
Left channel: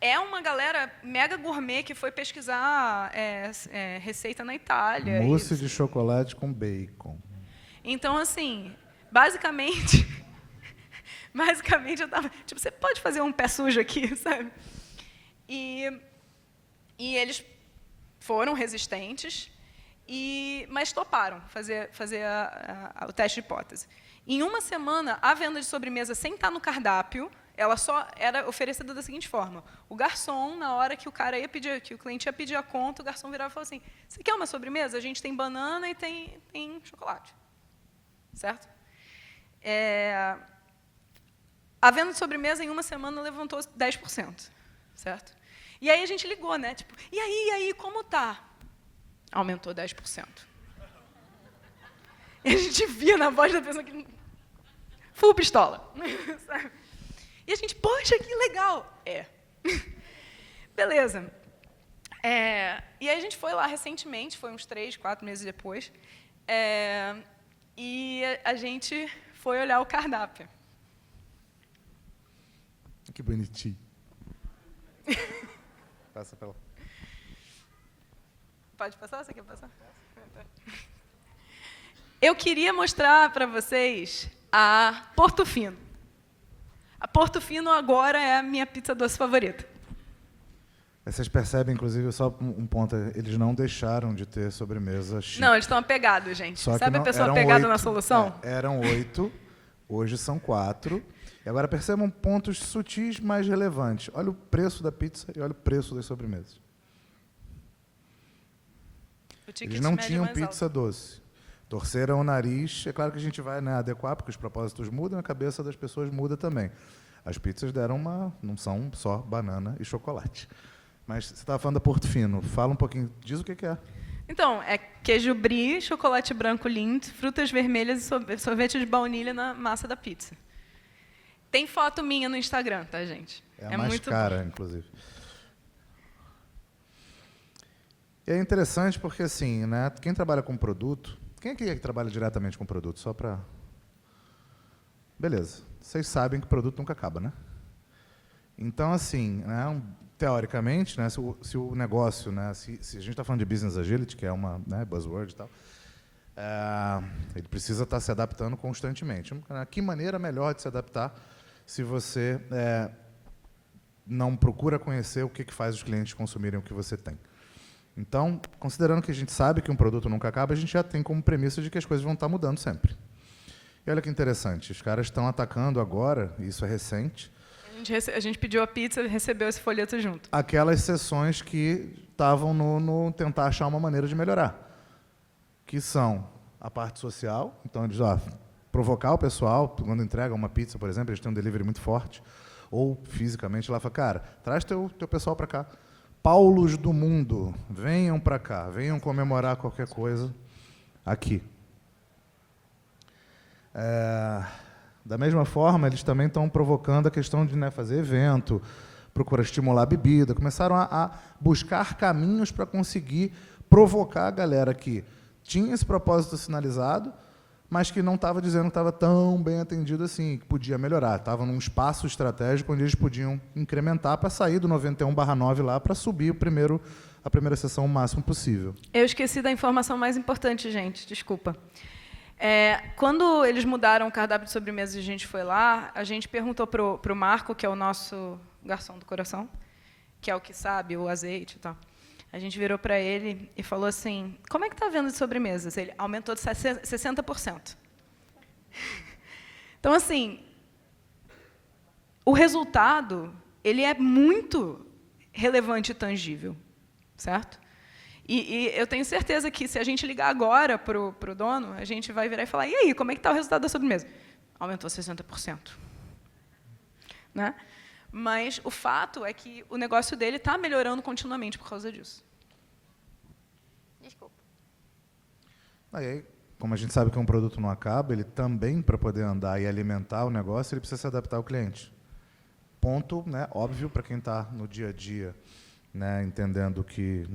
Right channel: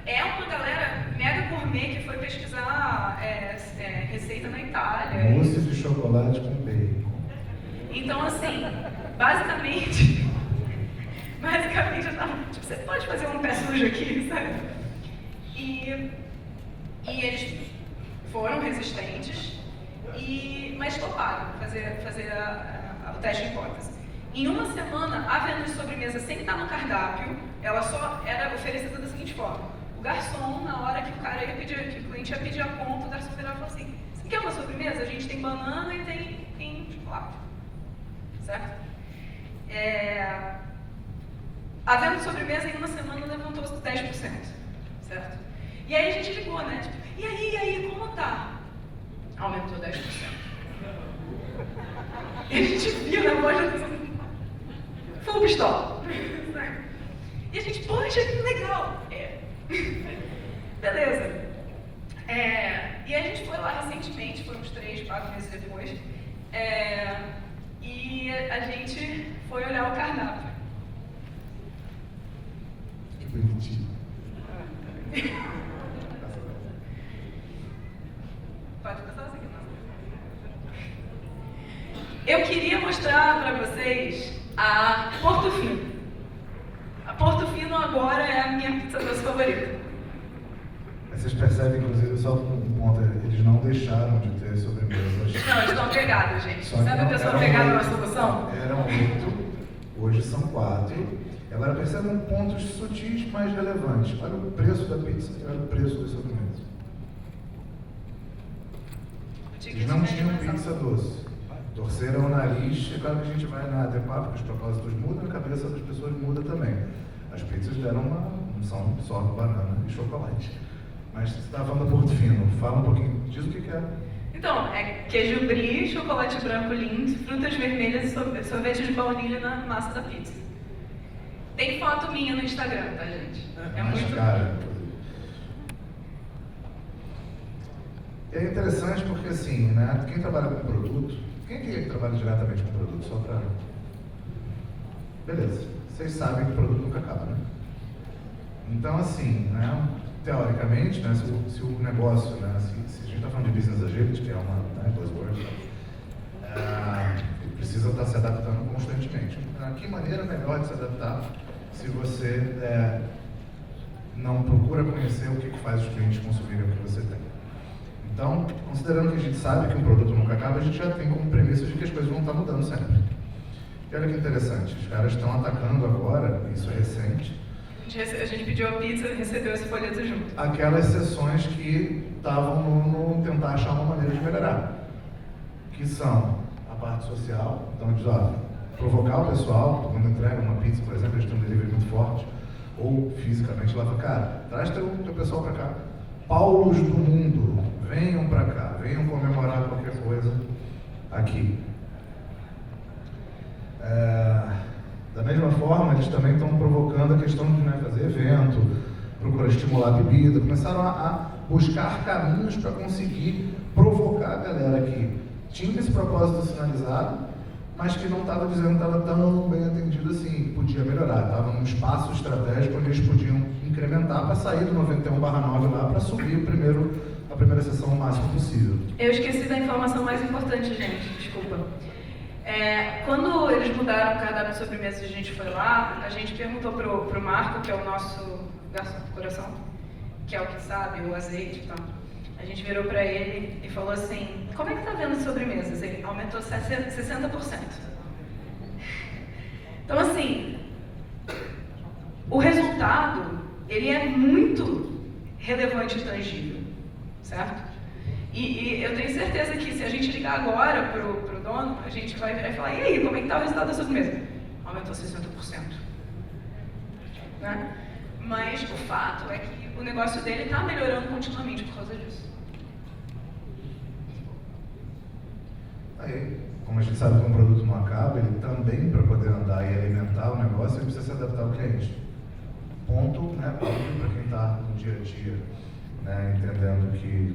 é uma galera mega gourmet que foi pesquisar receita na Itália. Mousse de chocolate com bacon. Então, assim, basicamente eu tava, tipo, você pode fazer um pé sujo aqui, sabe? E eles foram resistentes, mas toparam fazer o teste de hipótese. Em uma semana, a venda de sobremesa sem estar no cardápio, ela só era oferecida da seguinte forma. O garçom, na hora que que o cliente ia pedir a conta, o garçom virava e falou assim, você quer uma sobremesa? A gente tem banana e tem chocolate. Certo? A venda de sobremesa em uma semana levantou 10%, certo? E aí a gente ligou, né? Tipo, e aí, como tá? Aumentou 10%. E a gente via na voz assim, full pistola. E a gente, poxa, que legal. Beleza. E aí a gente foi lá recentemente, foi uns 3, 4 meses depois, e a gente foi olhar o cardápio. Que bonitinho. Pode passar assim? Eu queria mostrar para vocês a Portofino. A Portofino agora é a minha pizza doce favorita. Vocês percebem, inclusive, só um ponto, eles não deixaram de ter sobremesas. Não, eles estão apegados, gente. Sabe a pessoa apegada na solução? Eram 8, hoje são 4. E agora percebam pontos sutis mais relevantes. Olha o preço da pizza e olha o preço da sobremesa. Eles não tinham pizza doce. Torceram o nariz, é claro que a gente vai adequar, porque os propósitos mudam, a cabeça das pessoas muda também. As pizzas deram não são só banana e chocolate. Mas você estava falando da Portofino, fala um pouquinho, diz o que é. Então, é queijo brie, chocolate branco lindo, frutas vermelhas e sorvete de baunilha na massa da pizza. Tem foto minha no Instagram, tá, gente? É mais muito cara, inclusive. E é interessante porque, assim, né, quem trabalha com produto, quem é que trabalha diretamente com produto? Só para... Beleza, vocês sabem que o produto nunca acaba, né? Então, assim, né, teoricamente, né, se o negócio, né, se a gente está falando de business agility, que é uma, né, buzzword, ele precisa estar se adaptando constantemente. Que maneira melhor de se adaptar se você não procura conhecer o que faz os clientes consumirem o que você tem? Então, considerando que a gente sabe que o produto nunca acaba, a gente já tem como premissa de que as coisas vão estar mudando sempre. E olha que interessante, os caras estão atacando agora, isso é recente. A gente pediu a pizza e recebeu esse folheto junto. Aquelas sessões que estavam no tentar achar uma maneira de melhorar, que são a parte social, então eles provocar o pessoal, quando entregam uma pizza, por exemplo, eles têm um delivery muito forte, ou fisicamente, lá fala, cara, traz teu pessoal para cá. Paulos do mundo, venham para cá, venham comemorar qualquer coisa aqui. Da mesma forma, eles também estão provocando a questão de fazer evento, procurar estimular a bebida, começaram a buscar caminhos para conseguir provocar a galera que tinha esse propósito sinalizado, mas que não estava dizendo, não estava tão bem atendido assim, podia melhorar, estava num espaço estratégico onde eles podiam incrementar para sair do 91/9 lá para subir a primeira sessão o máximo possível. Eu esqueci da informação mais importante, gente, desculpa. Quando eles mudaram o cardápio de sobremesa e a gente foi lá, a gente perguntou pro Marco, que é o nosso garçom do coração, que é o que sabe, o azeite e tal. A gente virou para ele e falou assim, como é que tá vendo as sobremesas? Ele aumentou de 60%. Então, assim, o resultado, ele é muito relevante e tangível, certo? E eu tenho certeza que se a gente ligar agora pro dono, a gente vai virar e falar, e aí, como é que tá o resultado da sobremesa? Aumentou 60%. Né? Mas o fato é que o negócio dele está melhorando continuamente por causa disso. Aí, como a gente sabe que um produto não acaba, ele também, para poder andar e alimentar o negócio, ele precisa se adaptar ao cliente. Ponto, né, óbvio para quem está no dia a dia, né, entendendo que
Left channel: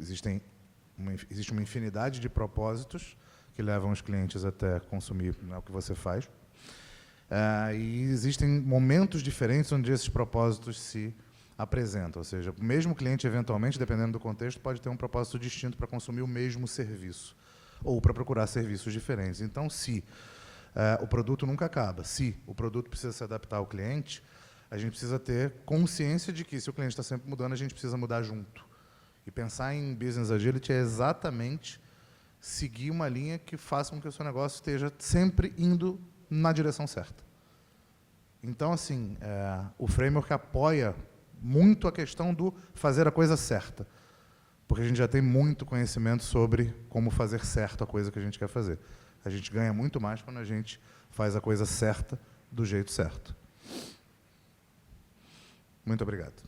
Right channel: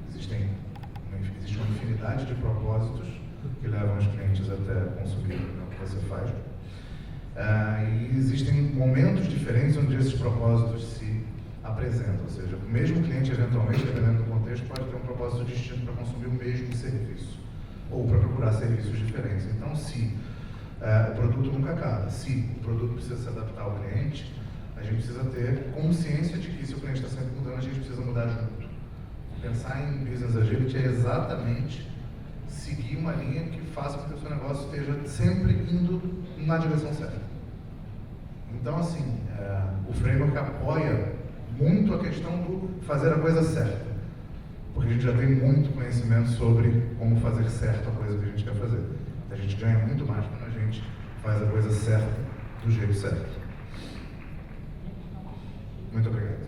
existe uma infinidade de propósitos que levam os clientes até consumir o que você faz. E existem momentos diferentes onde esses propósitos se apresentam, ou seja, o mesmo cliente, eventualmente, dependendo do contexto, pode ter um propósito distinto para consumir o mesmo serviço, ou para procurar serviços diferentes. Então, se o produto nunca acaba, se o produto precisa se adaptar ao cliente, a gente precisa ter consciência de que se o cliente está sempre mudando, a gente precisa mudar junto. E pensar em business agility é exatamente seguir uma linha que faça com que o seu negócio esteja sempre indo na direção certa. Então, assim, o framework apoia muito a questão do fazer a coisa certa, porque a gente já tem muito conhecimento sobre como fazer certo a coisa que a gente quer fazer. A gente ganha muito mais quando a gente faz a coisa certa do jeito certo. Muito obrigado.